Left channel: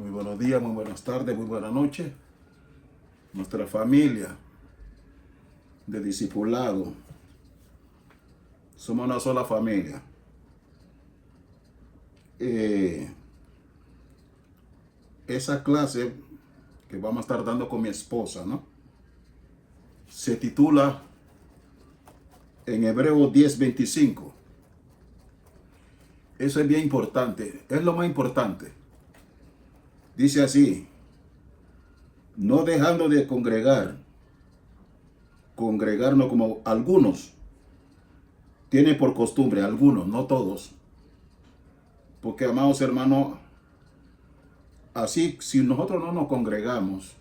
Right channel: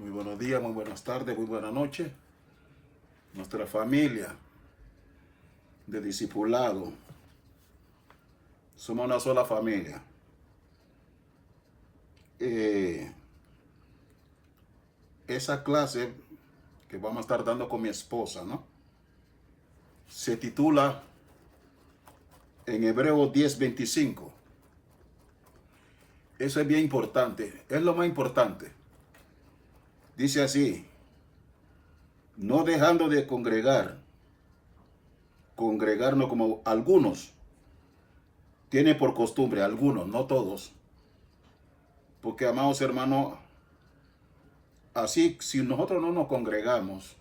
Muy buenos días, muy buenas tardes, muy buenas noches. Nuestra familia de discipulado. Somos una sola familia. Esa clase que vamos a estar dando con mi esposa, ¿no? Se titula en Hebreos 10:25. Eso es bien importante, es lo más importante. Dice así: no dejando de congregarnos como algunos tienen por costumbre, algunos, no todos. Porque, amados hermanos, así si nosotros no nos congregamos,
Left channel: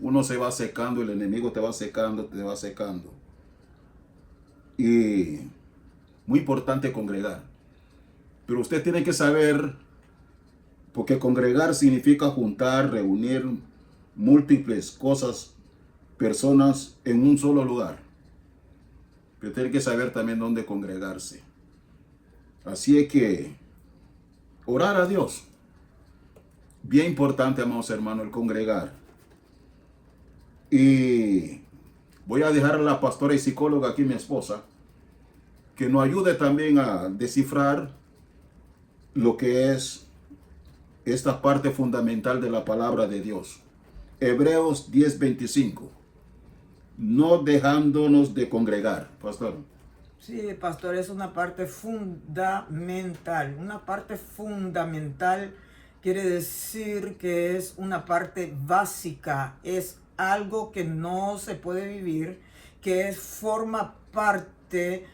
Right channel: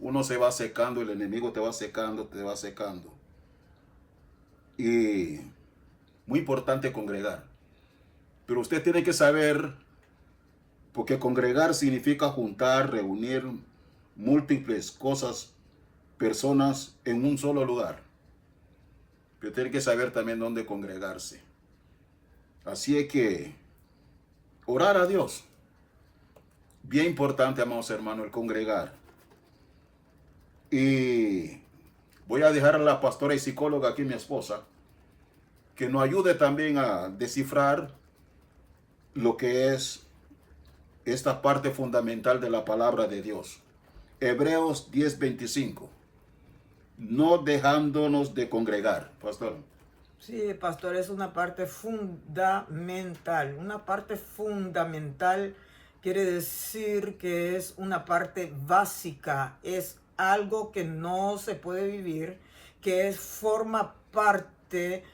uno se va secando, el enemigo te va secando, te va secando. Y muy importante congregar. Pero usted tiene que saber, porque congregar significa juntar, reunir múltiples cosas, personas en un solo lugar. Pero tiene que saber también dónde congregarse. Así es que orar a Dios. Bien importante, amados hermanos, el congregar. Y voy a dejar a la pastora y psicóloga aquí, mi esposa, que nos ayude también a descifrar lo que es esta parte fundamental de la palabra de Dios. Hebreos 10:25. No dejándonos de congregar, pastor. Sí, pastor, es una parte fundamental. Una parte fundamental quiere decir que es una parte básica, es algo que no se puede vivir, que forma parte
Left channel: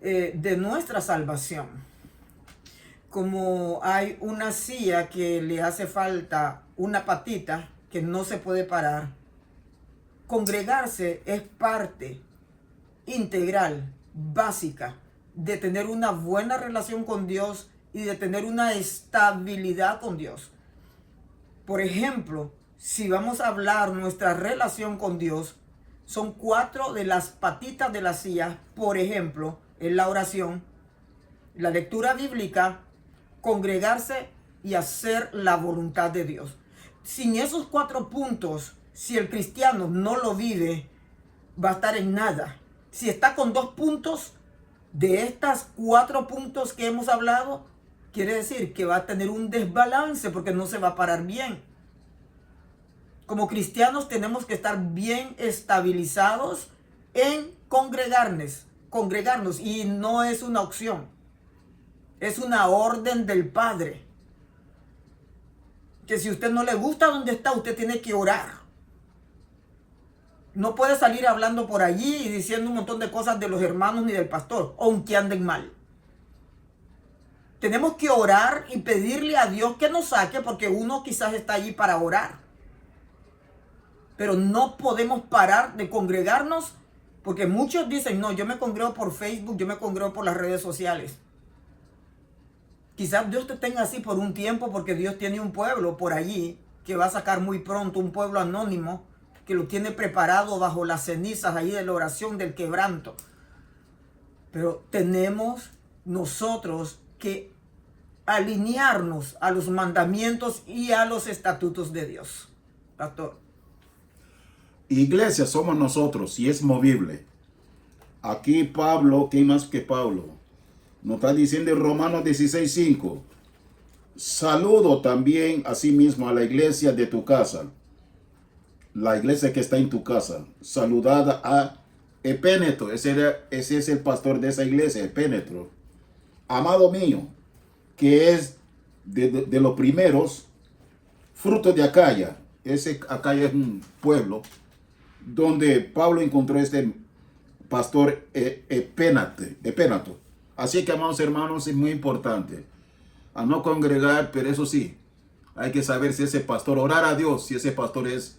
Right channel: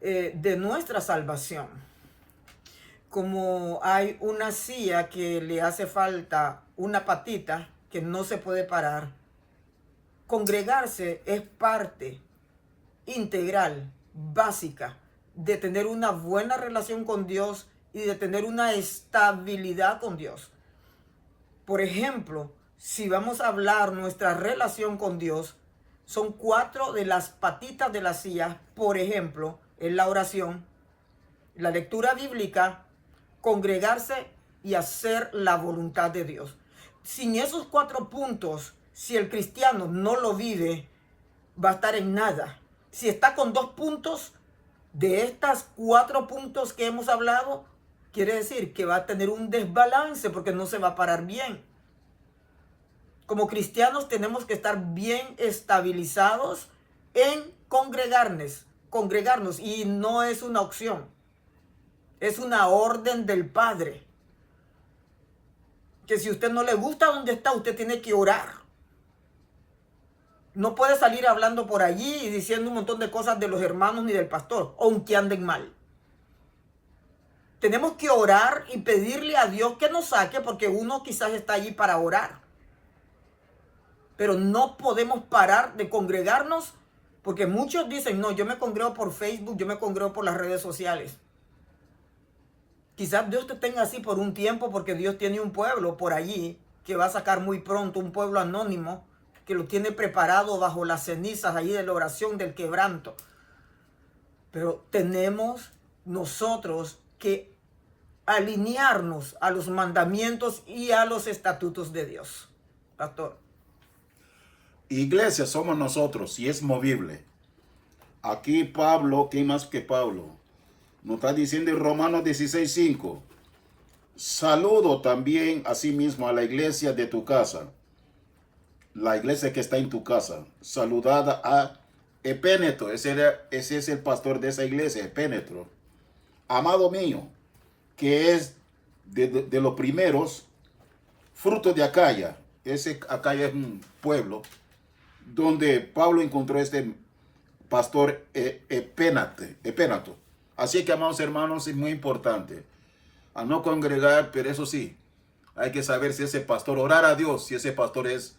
de nuestra salvación. Como hay una silla que le hace falta una patita que no se puede parar, congregarse es parte integral, básica, de tener una buena relación con Dios y de tener una estabilidad con Dios. Por ejemplo, si vamos a hablar nuestra relación con Dios, son 4 de las patitas de la silla. Por ejemplo, en la oración, la lectura bíblica, congregarse y hacer la voluntad de Dios. Sin esos 4 puntos, si el cristiano no lo vive, va a estar en nada. Si está con 2 puntos de estas 4 puntos que hemos hablado, quiere decir que va a tener un desbalance porque no se va a parar bien. Como cristianos tenemos que estar bien estabilizados en congregarnos, y no es una opción, es una orden del Padre. Que si a usted no le gusta donde está, usted tiene que orar. No puede salir hablando por allí y diciendo un montón de cosas de los hermanos ni del pastor, aunque anden mal. Tenemos que orar y pedirle a Dios que nos saque, porque uno quizás está allí para orar. Pero no podemos parar de congregarnos, porque muchos dicen, no, yo me congrego por Facebook, yo me congrego por las redes sociales. Quizás Dios te tenga así por un tiempo, porque Dios tiene un pueblo por allí que va a sacar muy pronto, un pueblo anónimo, que lo tiene preparado bajo las cenizas ahí de la oración del quebranto. Pero tenemos nosotros que alinearnos a los mandamientos y a los estatutos de Dios. Pastor. Iglesia somos nosotros y es movible. Aquí Pablo, ¿qué más que Pablo? Nos está diciendo en Romanos 16:5. Saludo también asimismo a la iglesia de tu casa. La iglesia que está en tu casa. Saludada a Epéneto. Ese es el pastor de esa iglesia, Epéneto. Amado mío, que es de los primeros frutos de Acaya. Acaya es un pueblo donde Pablo encontró este pastor Epéneto. Así que, amados hermanos, es muy importante a no congregar, pero eso sí, hay que saber si ese pastor, orar a Dios, si ese pastor es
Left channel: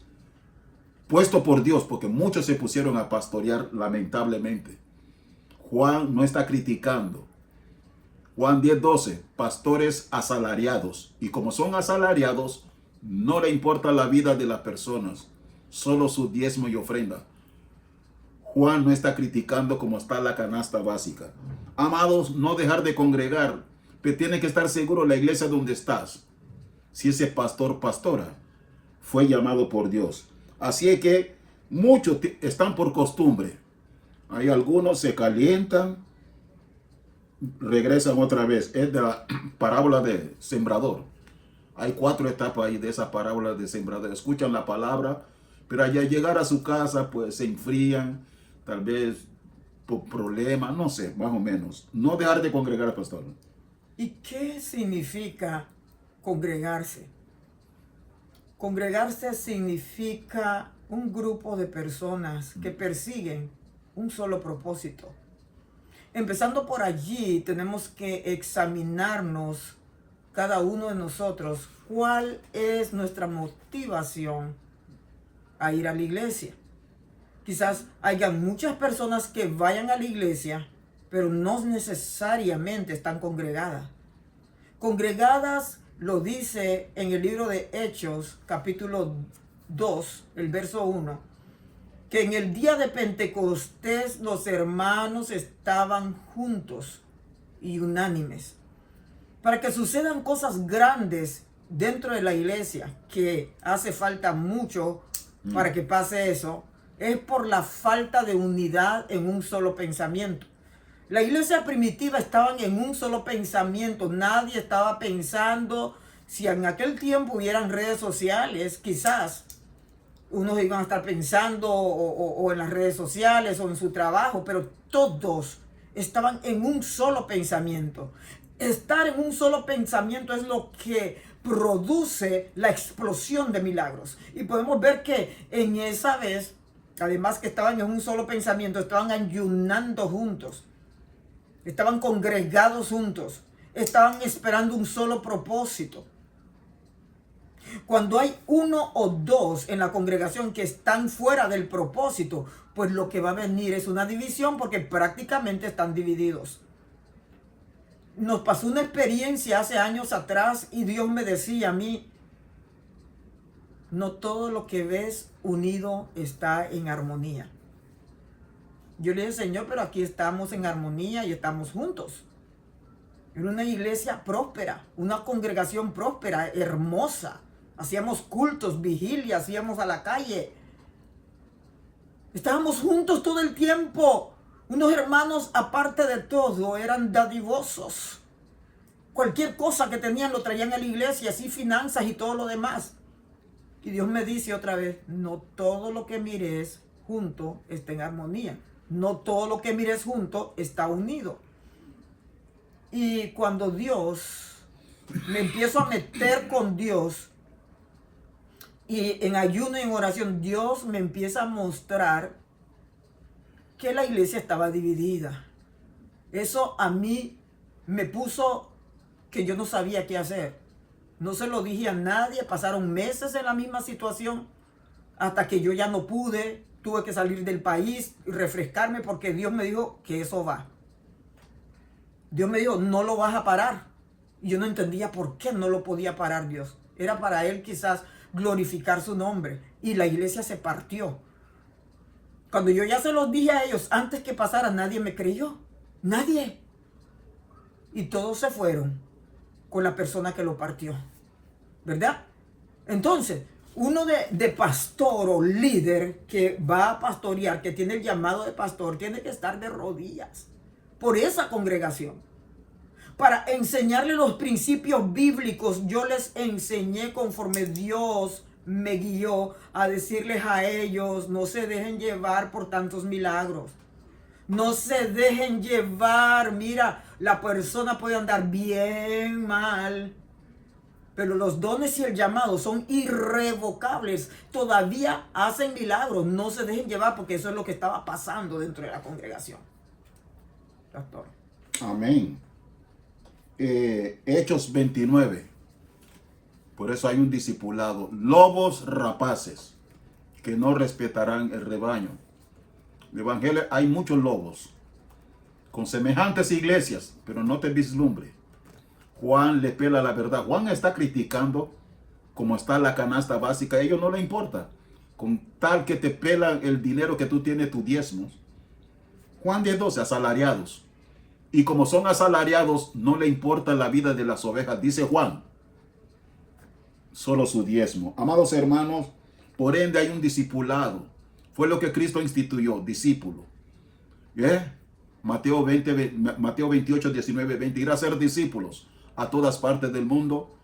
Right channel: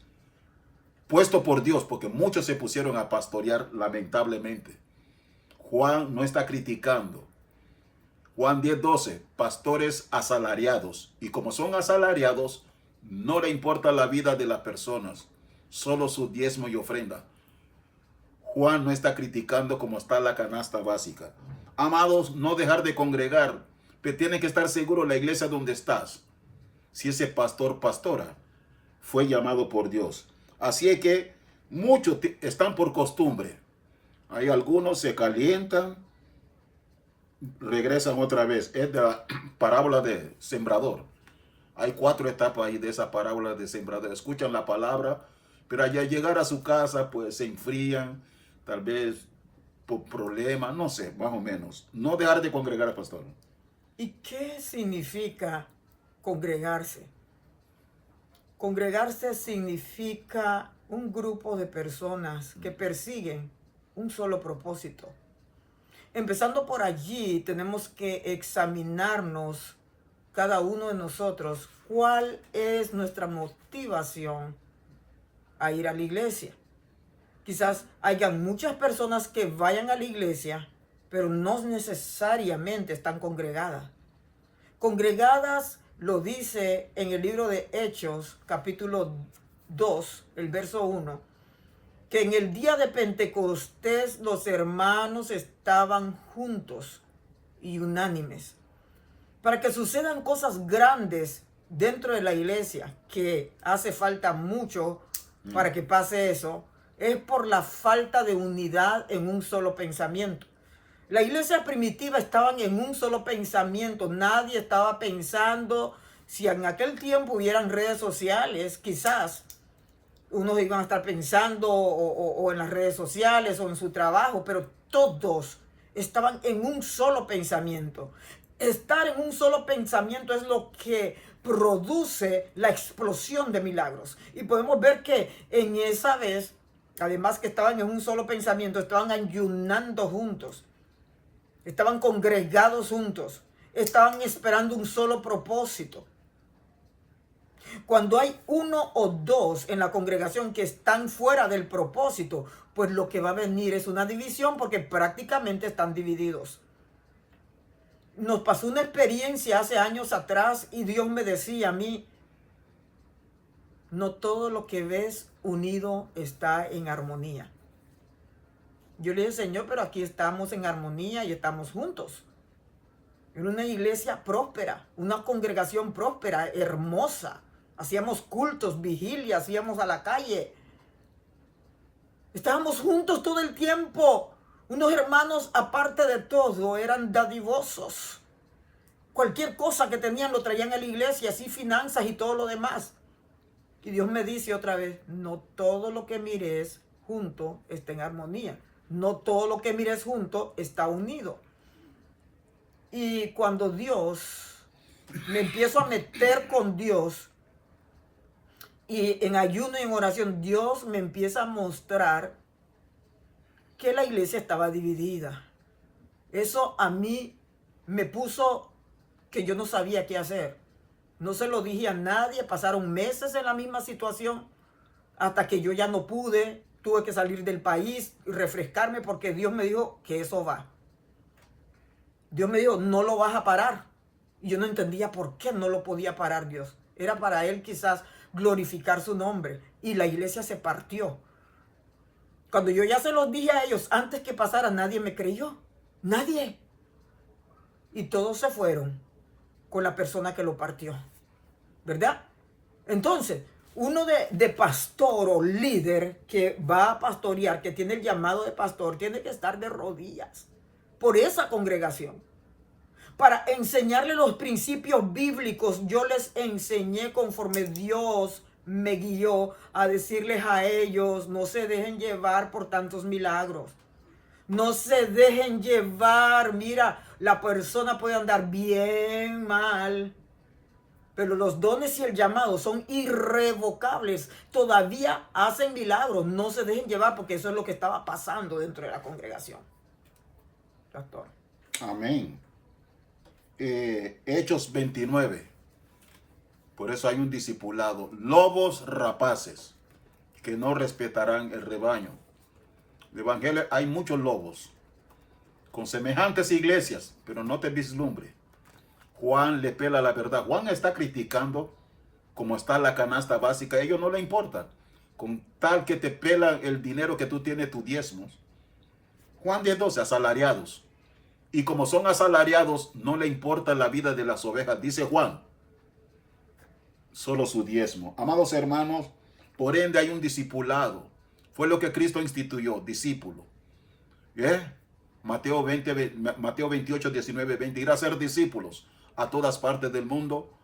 puesto por Dios, porque muchos se pusieron a pastorear lamentablemente. Juan no está criticando. Juan 10:12, pastores asalariados. Y como son asalariados, no le importa la vida de las personas, solo su diezmo y ofrenda. Juan no está criticando como está la canasta básica. Amados, no dejar de congregar, pero tiene que estar seguro la iglesia donde estás. si ese pastor, pastora, fue llamado por Dios. Así es que muchos están por costumbre. Hay algunos se calientan, regresan otra vez. Es de la parábola de sembrador. Hay 4 etapas ahí de esa parábola de sembrador. Escuchan la palabra, pero al llegar a su casa, pues se enfrían, tal vez por problemas, no sé, más o menos. No dejar de congregar, pastor. ¿Y qué significa congregarse? Congregarse significa un grupo de personas que persiguen un solo propósito. Empezando por allí, tenemos que examinarnos cada uno de nosotros cuál es nuestra motivación a ir a la iglesia. Quizás haya muchas personas que vayan a la iglesia, pero no necesariamente están congregadas. Congregadas lo dice en el libro de Hechos, capítulo 2, el verso 1, que en el día de Pentecostés los hermanos estaban juntos y unánimes. Para que sucedan cosas grandes dentro de la iglesia, que hace falta mucho para que pase eso, es por la falta de unidad en un solo pensamiento. La iglesia primitiva estaban en un solo pensamiento. Nadie estaba pensando, si en aquel tiempo hubieran redes sociales, quizás unos iban a estar pensando o en las redes sociales o en su trabajo, pero todos estaban en un solo pensamiento. Estar en un solo pensamiento es lo que produce la explosión de milagros. Y podemos ver que en esa vez, además que estaban en un solo pensamiento, estaban ayunando juntos. Estaban congregados juntos. Estaban esperando un solo propósito. Cuando hay 1 o 2 en la congregación que están fuera del propósito, pues lo que va a venir es una división porque prácticamente están divididos. Nos pasó una experiencia hace años atrás y Dios me decía a mí, no todo lo que ves unido está en armonía. Yo le dije, Señor, pero aquí estamos en armonía y estamos juntos. Era una iglesia próspera, una congregación próspera, hermosa. Hacíamos cultos, vigilias, íbamos a la calle. Estábamos juntos todo el tiempo. Unos hermanos, aparte de todo, eran dadivosos. Cualquier cosa que tenían lo traían a la iglesia, así finanzas y todo lo demás. Y Dios me dice otra vez, no todo lo que mires junto está en armonía. No todo lo que mires junto está unido. Y cuando me empiezo a meter con Dios, y en ayuno y en oración, Dios me empieza a mostrar que la iglesia estaba dividida. Eso a mí me puso que yo no sabía qué hacer. No se lo dije a nadie, pasaron meses en la misma situación, hasta que yo ya no pude, tuve que salir del país y refrescarme porque Dios me dijo que eso va. Dios me dijo, no lo vas a parar. Y yo no entendía por qué no lo podía parar Dios. Era para Él quizás glorificar su nombre. Y la iglesia se partió. Cuando yo ya se los dije a ellos, antes que pasara, nadie me creyó. Nadie. Y todos se fueron con la persona que lo partió. ¿Verdad? Entonces, uno de pastor o líder que va a pastorear, que tiene el llamado de pastor, tiene que estar de rodillas por esa congregación. Para enseñarle los principios bíblicos, yo les enseñé conforme Dios me guió a decirles a ellos, no se dejen llevar por tantos milagros. No se dejen llevar. Mira, la persona puede andar bien mal, pero los dones y el llamado son irrevocables. Todavía hacen milagros. No se dejen llevar porque eso es lo que estaba pasando dentro de la congregación. Pastor. Amén. Hechos 29. Por eso hay un discipulado. Lobos rapaces que no respetarán el rebaño. En el Evangelio hay muchos lobos con semejantes iglesias, pero no te vislumbre. Juan le pela la verdad. Juan está criticando cómo está la canasta básica. A ellos no le importa. Con tal que te pelan el dinero que tú tienes, tus diezmos. Juan 10:12, asalariados. Y como son asalariados, no le importa la vida de las ovejas, dice Juan. solo su diezmo. Amados hermanos, por ende hay un discipulado. Fue lo que Cristo instituyó, discípulo. Mateo 28, 19, 20. Ir a ser discípulos a todas partes del mundo,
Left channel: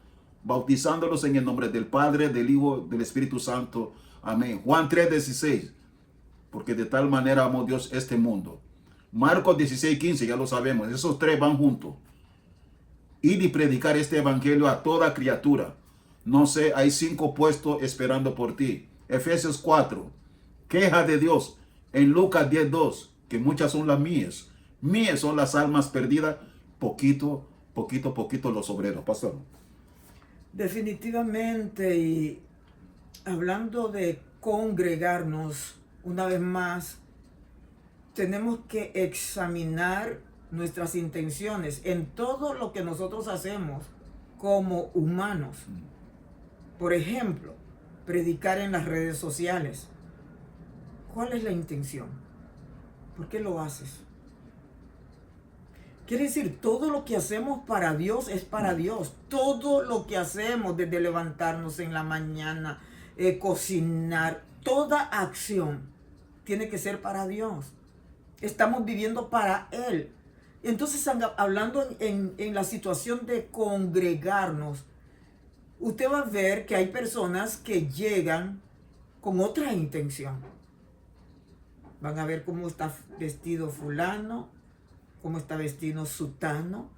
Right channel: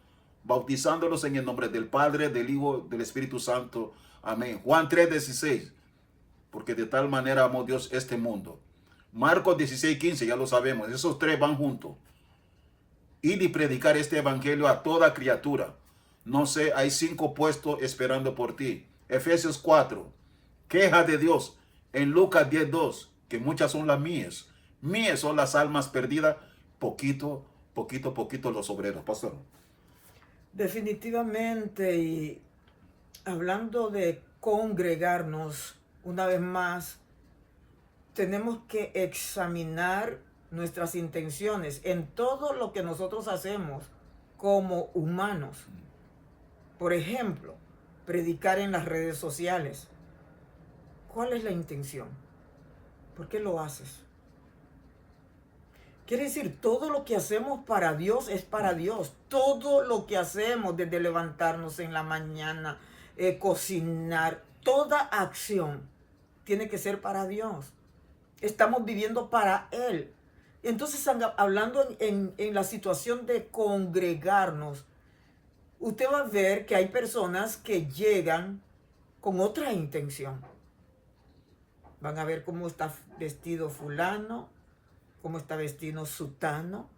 bautizándolos en el nombre del Padre, del Hijo, del Espíritu Santo. Amén. Juan 3, 16. Porque de tal manera amó Dios este mundo. Marcos 16, 15, ya lo sabemos. Esos tres van juntos. Ir y predicar este evangelio a toda criatura. No sé, hay 5 puestos esperando por ti. Efesios 4. Queja de Dios. En Lucas 10, 2. Que muchas son las mías. Mías son las almas perdidas. Poquito los obreros. Pastor. Definitivamente, y hablando de congregarnos, una vez más, tenemos que examinar nuestras intenciones en todo lo que nosotros hacemos como humanos. Por ejemplo, predicar en las redes sociales. ¿Cuál es la intención? ¿Por qué lo haces? Quiere decir, todo lo que hacemos para Dios es para Dios. Todo lo que hacemos, desde levantarnos en la mañana, cocinar, toda acción tiene que ser para Dios. Estamos viviendo para Él. Entonces, hablando en la situación de congregarnos, usted va a ver que hay personas que llegan con otra intención. Van a ver cómo está vestido fulano, cómo está vestido sutano,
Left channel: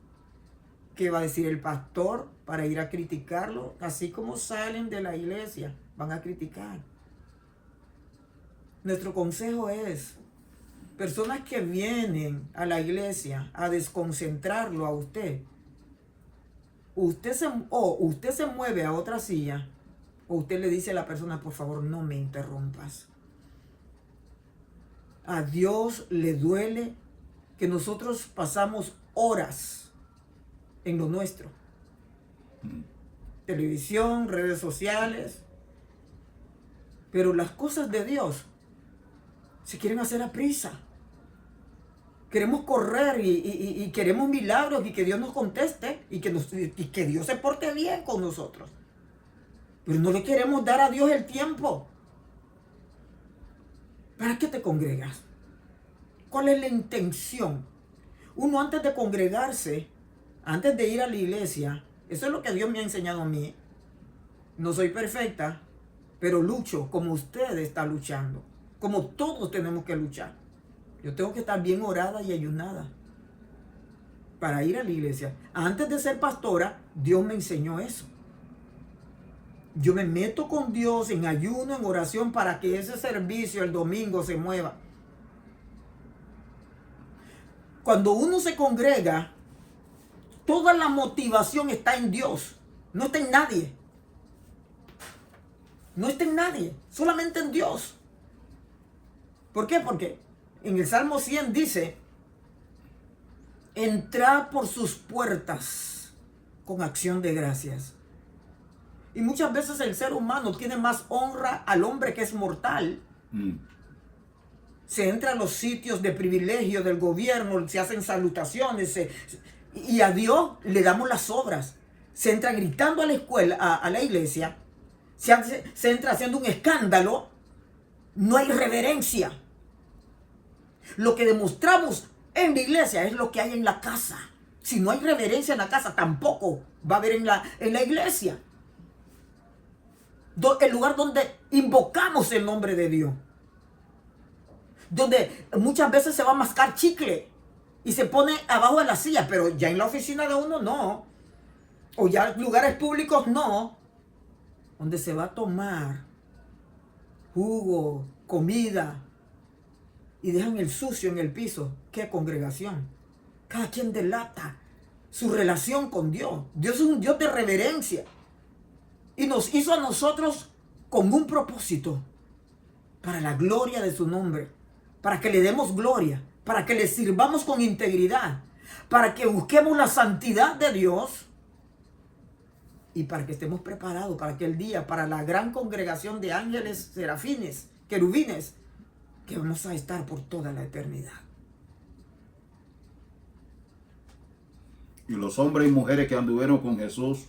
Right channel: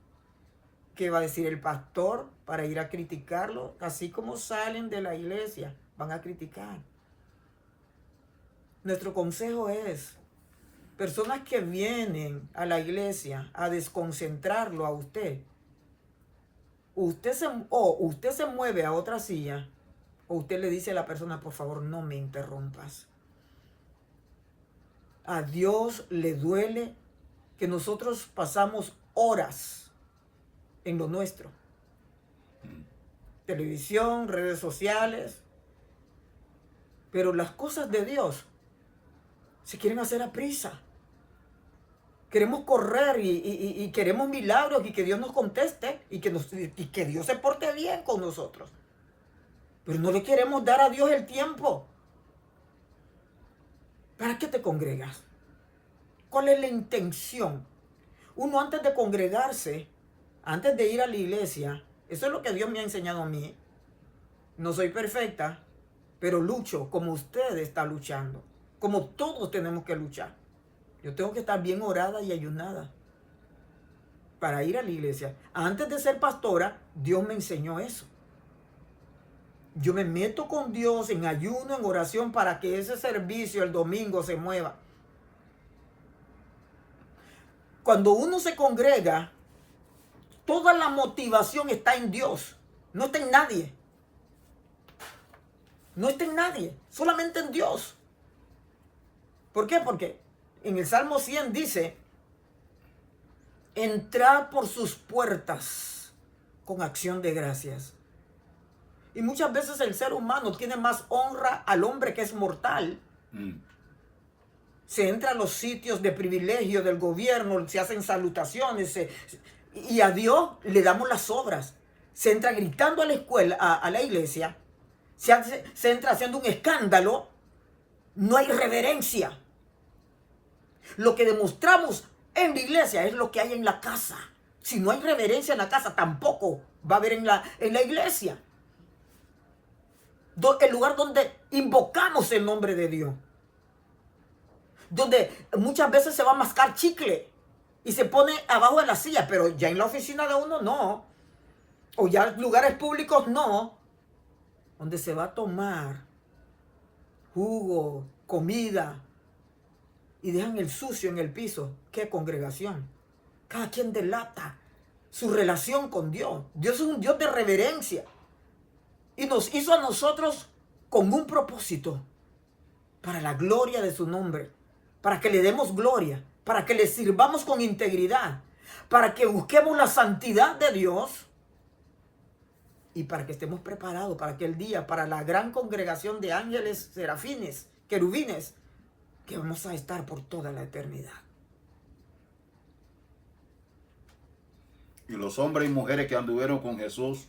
qué va a decir el pastor para ir a criticarlo. Así como salen de la iglesia, van a criticar. Nuestro consejo es, personas que vienen a la iglesia a desconcentrarlo a usted, usted se mueve a otra silla, o usted le dice a la persona, por favor, no me interrumpas. A Dios le duele que nosotros pasamos horas en lo nuestro. Televisión, redes sociales. Pero las cosas de Dios se quieren hacer a prisa. Queremos correr y queremos milagros y que Dios nos conteste y que Dios se porte bien con nosotros. Pero no le queremos dar a Dios el tiempo. ¿Para qué te congregas? ¿Cuál es la intención? Uno antes de congregarse, antes de ir a la iglesia, eso es lo que Dios me ha enseñado a mí. No soy perfecta, pero lucho como usted está luchando. Como todos tenemos que luchar. Yo tengo que estar bien orada y ayunada para ir a la iglesia. Antes de ser pastora, Dios me enseñó eso. Yo me meto con Dios en ayuno, en oración, para que ese servicio el domingo se mueva. Cuando uno se congrega, toda la motivación está en Dios, no está en nadie. No está en nadie, solamente en Dios. ¿Por qué? Porque en el Salmo 100 dice, entrar por sus puertas con acción de gracias. Y muchas veces el ser humano tiene más honra al hombre que es mortal. Se entra a los sitios de privilegio del gobierno, se hacen salutaciones, y a Dios le damos las obras. Se entra gritando a la escuela, a la iglesia, se entra haciendo un escándalo, no hay reverencia. Lo que demostramos en la iglesia es lo que hay en la casa. Si no hay reverencia en la casa, tampoco va a haber en la iglesia. El lugar donde invocamos el nombre de Dios. Donde muchas veces se va a mascar chicle y se pone abajo de la silla, pero ya en la oficina de uno no. O ya en lugares públicos no. Donde se va a tomar jugo, comida, y dejan el sucio en el piso. ¡Qué congregación! Cada quien delata su relación con Dios. Dios es un Dios de reverencia. Y nos hizo a nosotros con un propósito. Para la gloria de su nombre. Para que le demos gloria. Para que le sirvamos con integridad. Para que busquemos la santidad de Dios. Y para que estemos preparados para aquel día. Para la gran congregación de ángeles, serafines, querubines. Que vamos a estar por toda la eternidad. Y los hombres y mujeres que anduvieron con Jesús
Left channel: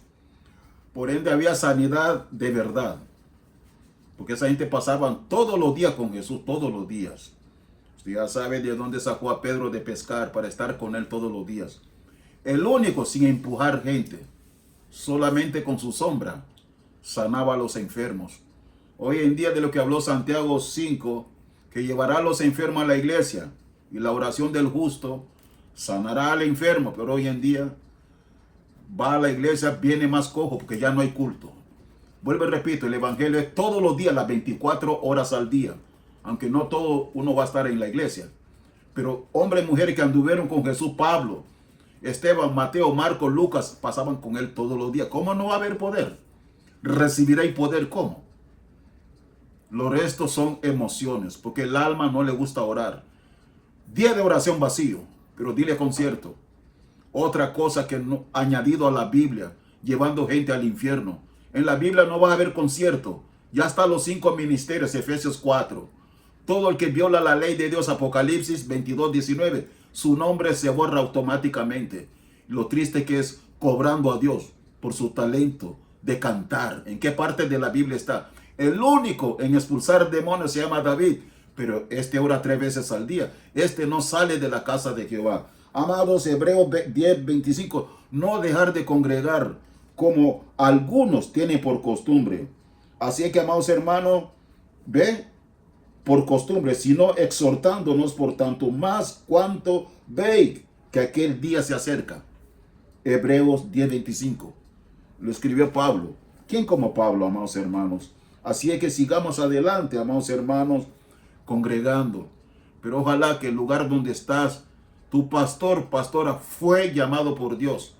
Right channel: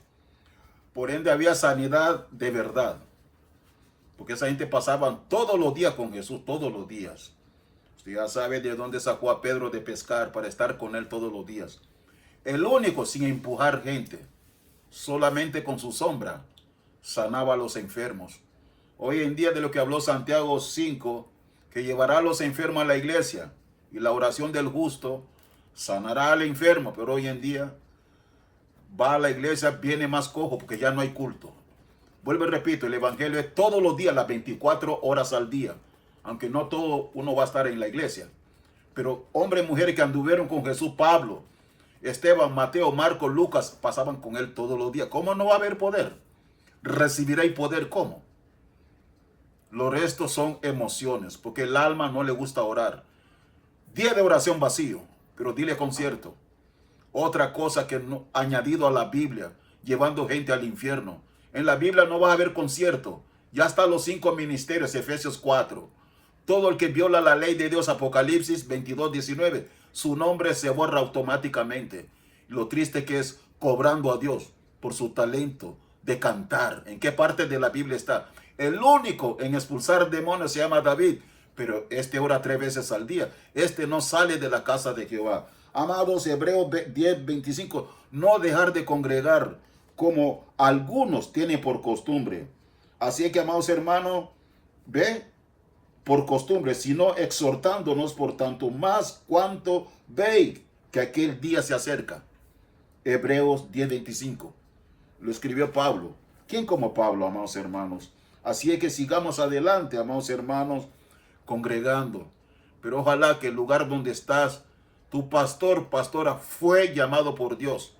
Por ende había sanidad de verdad. Porque esa gente pasaba todos los días con Jesús, todos los días. Usted ya sabe de dónde sacó a Pedro de pescar para estar con él todos los días. El único sin empujar gente, solamente con su sombra, sanaba a los enfermos. Hoy en día de lo que habló Santiago 5, que llevará a los enfermos a la iglesia y la oración del justo sanará al enfermo, pero hoy en día va a la iglesia, viene más cojo porque ya no hay culto. Vuelvo y repito, el evangelio es todos los días, las 24 horas al día, aunque no todo uno va a estar en la iglesia. Pero hombres y mujeres que anduvieron con Jesús, Pablo, Esteban, Mateo, Marcos, Lucas, pasaban con él todos los días. ¿Cómo no va a haber poder? ¿Recibiréis poder cómo? Los restos son emociones, porque el alma no le gusta orar. Día de oración vacío, pero dile concierto. Otra cosa que no, añadido a la Biblia, llevando gente al infierno. En la Biblia no va a haber concierto. Ya están los 5 ministerios, Efesios 4. Todo el que viola la ley de Dios, Apocalipsis 22:19, su nombre se borra automáticamente. Lo triste que es cobrando a Dios por su talento de cantar. ¿En qué parte de la Biblia está? El único en expulsar demonios se llama David, pero este ora 3 veces al día. Este no sale de la casa de Jehová. Amados, Hebreos 10:25, no dejar de congregar como algunos tienen por costumbre. Así es que, amados hermanos, ve por costumbre, sino exhortándonos por tanto más cuanto veis que aquel día se acerca. Hebreos 10:25. Lo escribió Pablo. ¿Quién como Pablo, amados hermanos? Así es que sigamos adelante, amados hermanos, congregando. Pero ojalá que el lugar donde estás, tu pastor, pastora, fue llamado por Dios.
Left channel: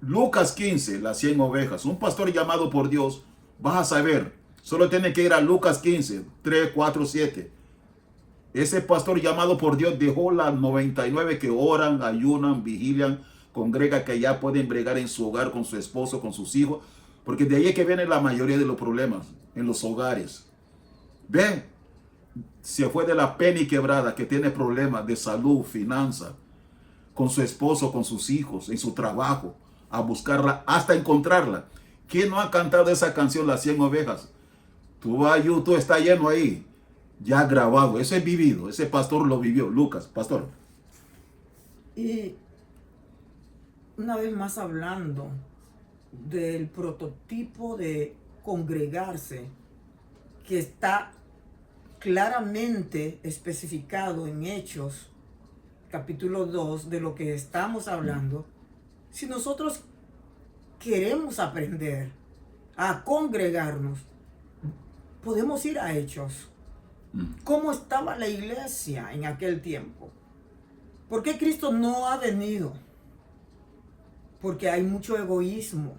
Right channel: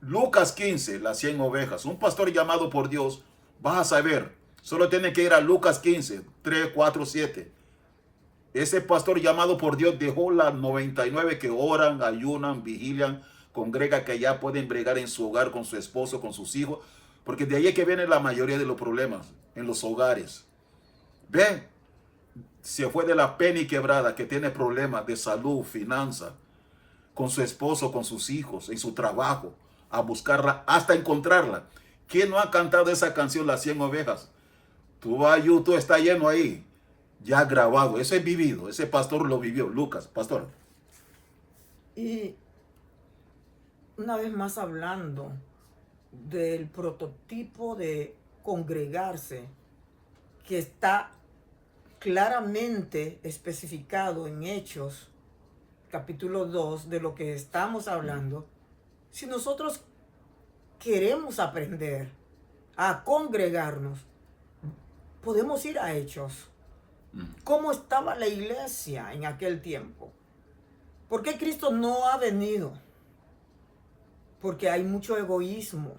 Lucas 15, las 100 ovejas. Un pastor llamado por Dios, vas a saber. Solo tiene que ir a Lucas 15, 3, 4, 7. Ese pastor llamado por Dios dejó las 99 que oran, ayunan, vigilian, congrega, que ya pueden bregar en su hogar con su esposo, con sus hijos. Porque de ahí es que viene la mayoría de los problemas en los hogares. Ven, se fue de la pena y quebrada, que tiene problemas de salud, finanza, con su esposo, con sus hijos, en su trabajo, a buscarla hasta encontrarla. ¿Quién no ha cantado esa canción, Las 100 ovejas? Tú vas a YouTube, está lleno ahí, ya grabado. Eso es vivido, ese pastor lo vivió. Lucas, pastor. Y una vez más hablando del prototipo de congregarse que está claramente especificado en Hechos, capítulo 2, de lo que estamos hablando. Si nosotros queremos aprender a congregarnos, podemos ir a Hechos. ¿Cómo estaba la iglesia en aquel tiempo? ¿Por qué Cristo no ha venido? Porque hay mucho egoísmo,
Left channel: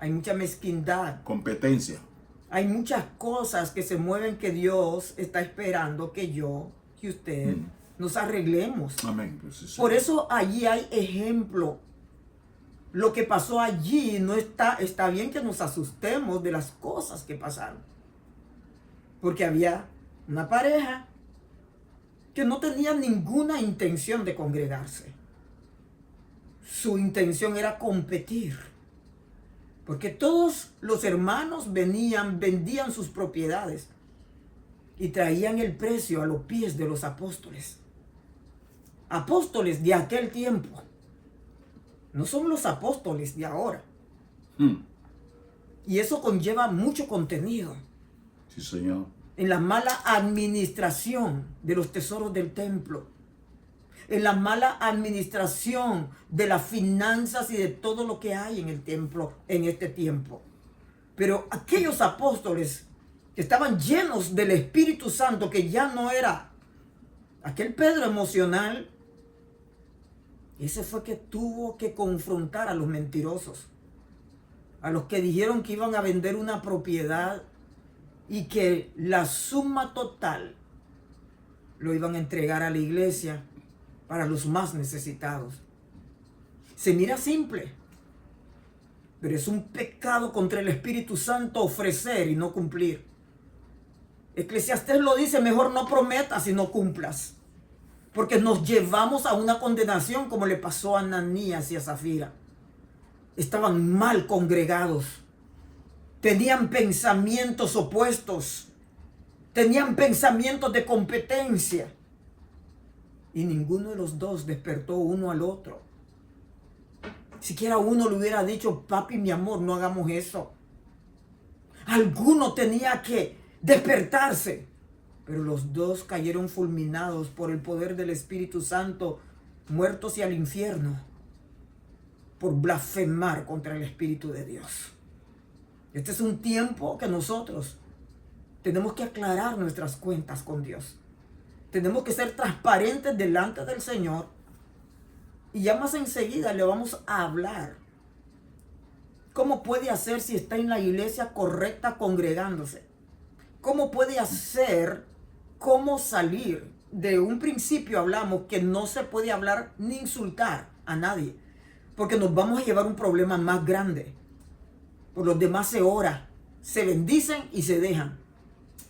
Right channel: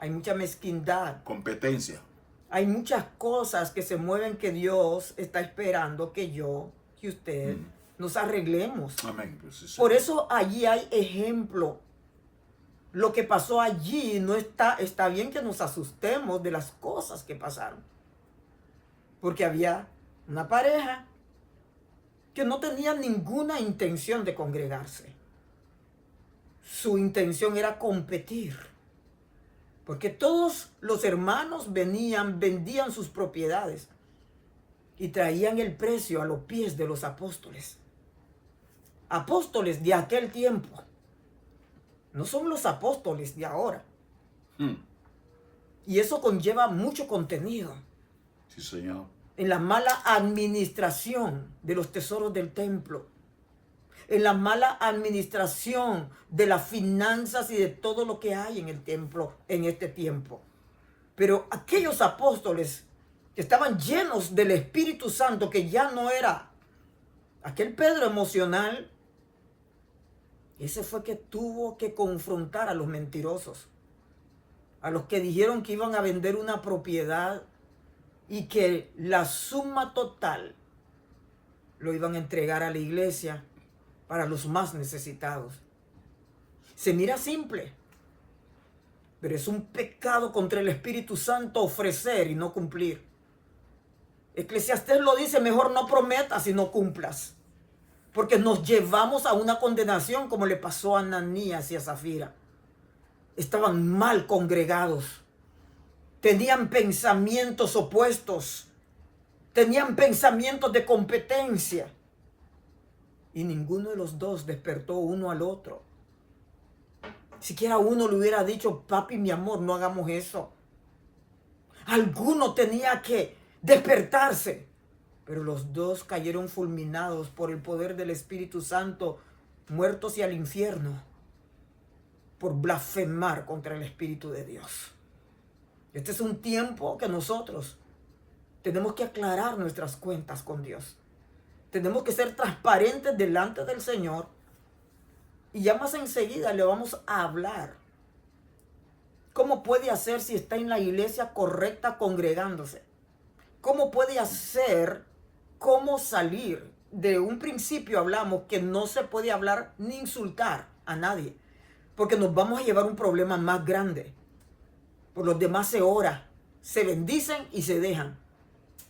hay mucha mezquindad, competencia. Hay muchas cosas que se mueven que Dios está esperando que yo y usted nos arreglemos. Amén. Pues sí. Por eso allí hay ejemplo. Lo que pasó allí no está bien que nos asustemos de las cosas que pasaron. Porque había una pareja que no tenía ninguna intención de congregarse. Su intención era competir. Porque todos los hermanos venían, vendían sus propiedades y traían el precio a los pies de los apóstoles. Apóstoles de aquel tiempo. No son los apóstoles de ahora. Y eso conlleva mucho contenido. Sí, Señor. En la mala administración de los tesoros del templo. En la mala administración de las finanzas y de todo lo que hay en el templo en este tiempo. Pero aquellos apóstoles que estaban llenos del Espíritu Santo, que ya no era aquel Pedro emocional, ese fue que tuvo que confrontar a los mentirosos, a los que dijeron que iban a vender una propiedad y que la suma total lo iban a entregar a la iglesia para los más necesitados. Se mira simple, pero es un pecado contra el Espíritu Santo ofrecer y no cumplir. Eclesiastés lo dice, mejor no prometas y no cumplas, porque nos llevamos a una condenación como le pasó a Ananías y a Zafira. estaban mal congregados, tenían pensamientos opuestos, tenían pensamientos de competencia, y ninguno de los dos despertó uno al otro. Siquiera uno le hubiera dicho: papi, mi amor, no hagamos eso. Alguno tenía que despertarse, pero los dos cayeron fulminados por el poder del Espíritu Santo, muertos y al infierno, por blasfemar contra el Espíritu de Dios. Este es un tiempo que nosotros tenemos que aclarar nuestras cuentas con Dios. Tenemos que ser transparentes delante del Señor. Y ya más enseguida le vamos a hablar cómo puede hacer si está en la iglesia correcta congregándose. Cómo puede hacer, cómo salir. De un principio hablamos que no se puede hablar ni insultar a nadie, porque nos vamos a llevar un problema más grande. Por los demás se ora, se bendicen y se dejan.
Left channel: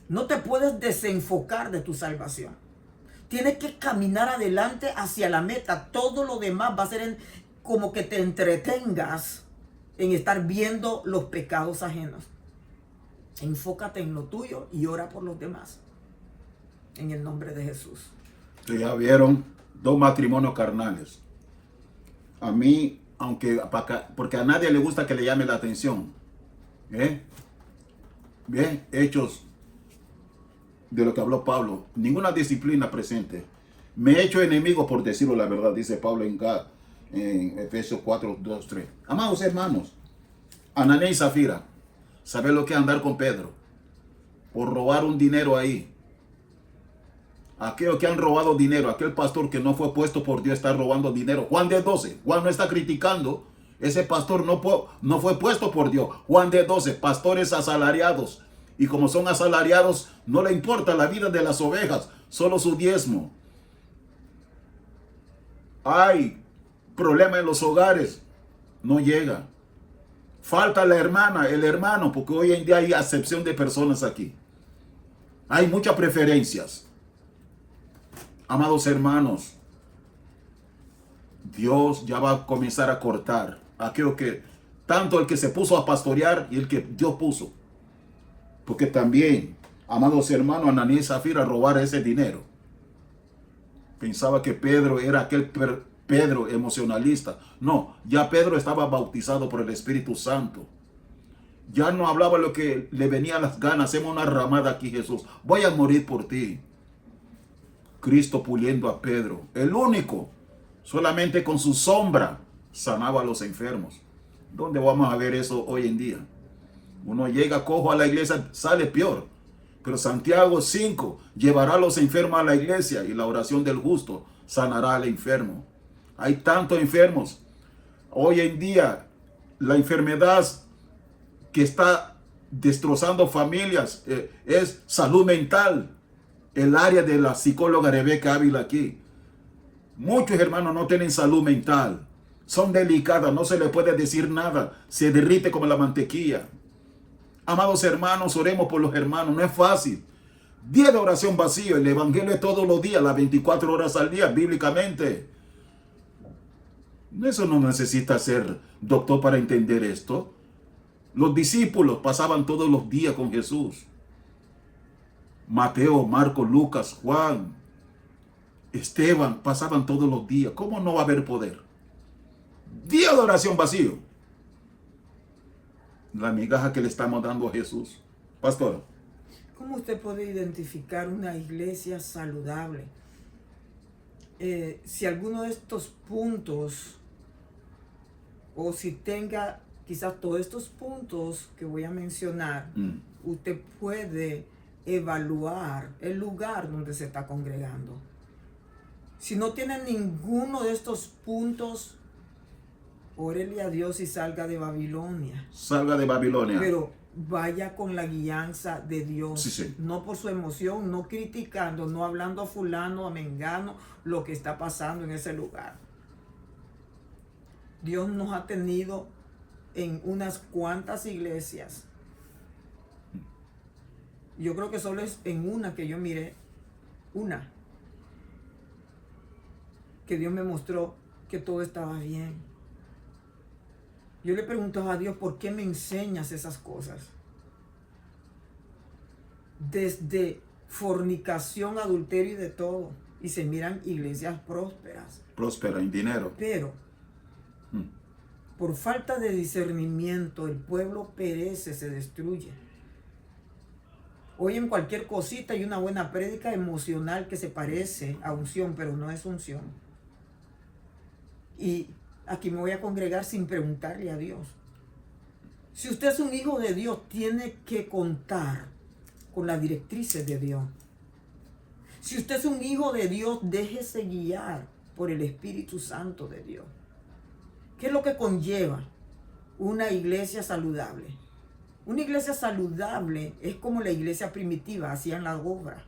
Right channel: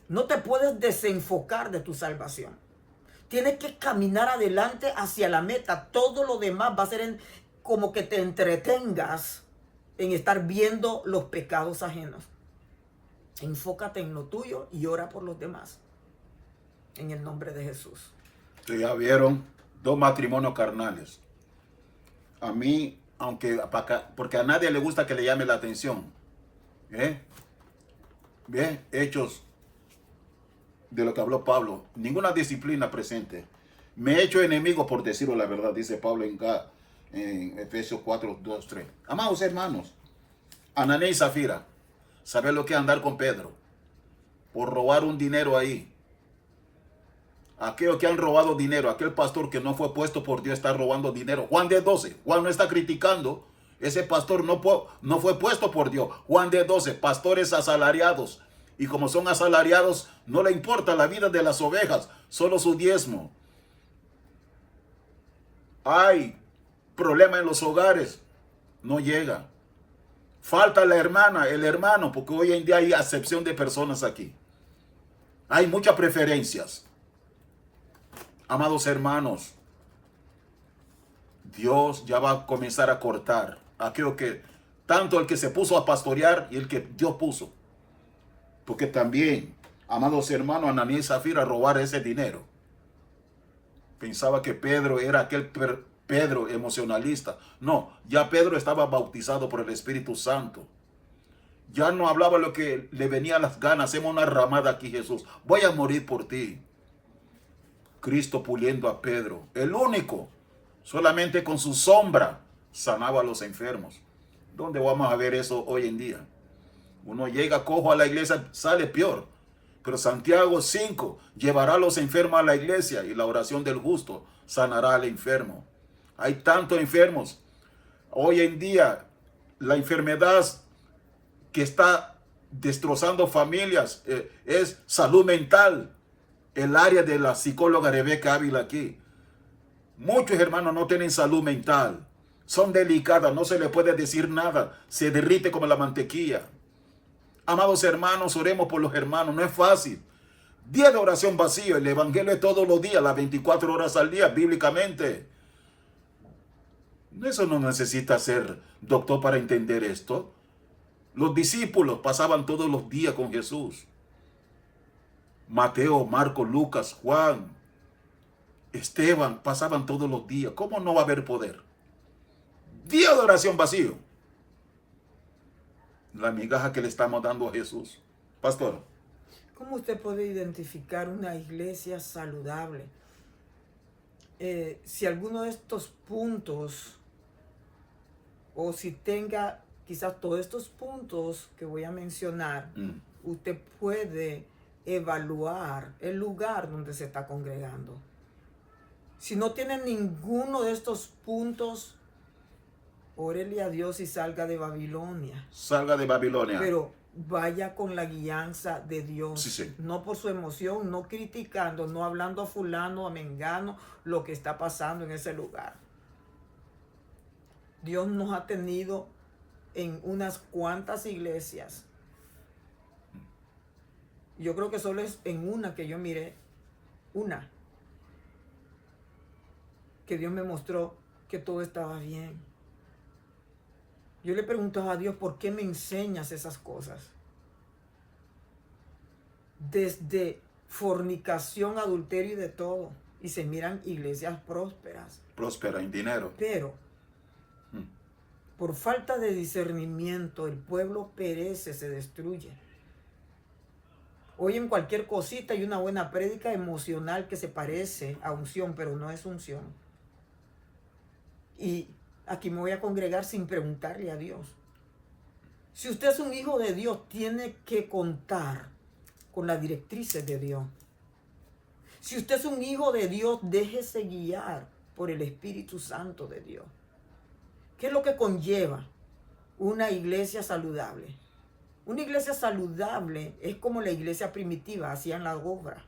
No te puedes desenfocar de tu salvación. Tienes que caminar adelante hacia la meta. Todo lo demás va a ser como que te entretengas en estar viendo los pecados ajenos. Enfócate en lo tuyo y ora por los demás. En el nombre de Jesús. Ya vieron, 2 matrimonios carnales. A mí, porque a nadie le gusta que le llame la atención. Bien, Hechos de lo que habló Pablo. Ninguna disciplina presente. Me he hecho enemigo por decirlo la verdad, dice Pablo en Efesios 4, 2, 3. Amados hermanos, Ananías y Zafira, ¿saben lo que es andar con Pedro? Por robar un dinero ahí. Aquellos que han robado dinero, aquel pastor que no fue puesto por Dios está robando dinero. Juan de 12, Juan no está criticando. Ese pastor no fue puesto por Dios. Juan de 12, pastores asalariados. Y como son asalariados, no le importa la vida de las ovejas, solo su diezmo. Hay problema en los hogares, no llega. Falta la hermana, el hermano, porque hoy en día hay acepción de personas aquí. Hay muchas preferencias. Amados hermanos, Dios ya va a comenzar a cortar aquello que, tanto el que se puso a pastorear y el que Dios puso. Porque también, amados hermanos, Ananías y Zafira robar ese dinero. Pensaba que Pedro era aquel Pedro emocionalista. No, ya Pedro estaba bautizado por el Espíritu Santo. Ya no hablaba lo que le venía a las ganas. Hacemos una ramada aquí, Jesús. Voy a morir por ti. Cristo puliendo a Pedro. El único, solamente con su sombra, sanaba a los enfermos. ¿Dónde vamos a ver eso hoy en día? Uno llega cojo a la iglesia, sale peor. Pero Santiago 5 llevará a los enfermos a la iglesia y la oración del justo sanará al enfermo. Hay tantos enfermos. Hoy en día, la enfermedad que está destrozando familias es salud mental. El área de la psicóloga Rebeca Ávila aquí. Muchos hermanos no tienen salud mental. Son delicadas, no se les puede decir nada. Se derrite como la mantequilla. Amados hermanos, oremos por los hermanos. No es fácil. Día de oración vacío. El evangelio es todos los días, las 24 horas al día, bíblicamente. Eso no necesita ser doctor para entender esto. Los discípulos pasaban todos los días con Jesús. Mateo, Marcos, Lucas, Juan, Esteban, pasaban todos los días. ¿Cómo no va a haber poder? Día de oración vacío. La migaja que le estamos dando a Jesús. Pastor. ¿Cómo usted puede identificar una iglesia saludable? Si alguno de estos puntos, o si tenga quizás todos estos puntos que voy a mencionar, usted puede evaluar el lugar donde se está congregando. Si no tiene ninguno de estos puntos, órele a Dios y salga de Babilonia. Salga de Babilonia. Pero vaya con la guianza de Dios. Sí. No por su emoción, no criticando, no hablando a fulano, a mengano, lo que está pasando en ese lugar. Dios nos ha tenido en unas cuantas iglesias. Yo creo que solo es en una que yo miré, una, que Dios me mostró que todo estaba bien. Yo le pregunto a Dios, ¿por qué me enseñas esas cosas? Desde fornicación, adulterio y de todo. Y se miran iglesias prósperas. Próspera en dinero. Pero, por falta de discernimiento, el pueblo perece, se destruye. Oyen cualquier cosita y una buena prédica emocional que se parece a unción, pero no es unción. Y aquí me voy a congregar sin preguntarle a Dios. Si usted es un hijo de Dios, tiene que contar con las directrices de Dios. Si usted es un hijo de Dios, déjese guiar por el Espíritu Santo de Dios. ¿Qué es lo que conlleva una iglesia saludable? Una iglesia saludable es como la iglesia primitiva, hacían la obra.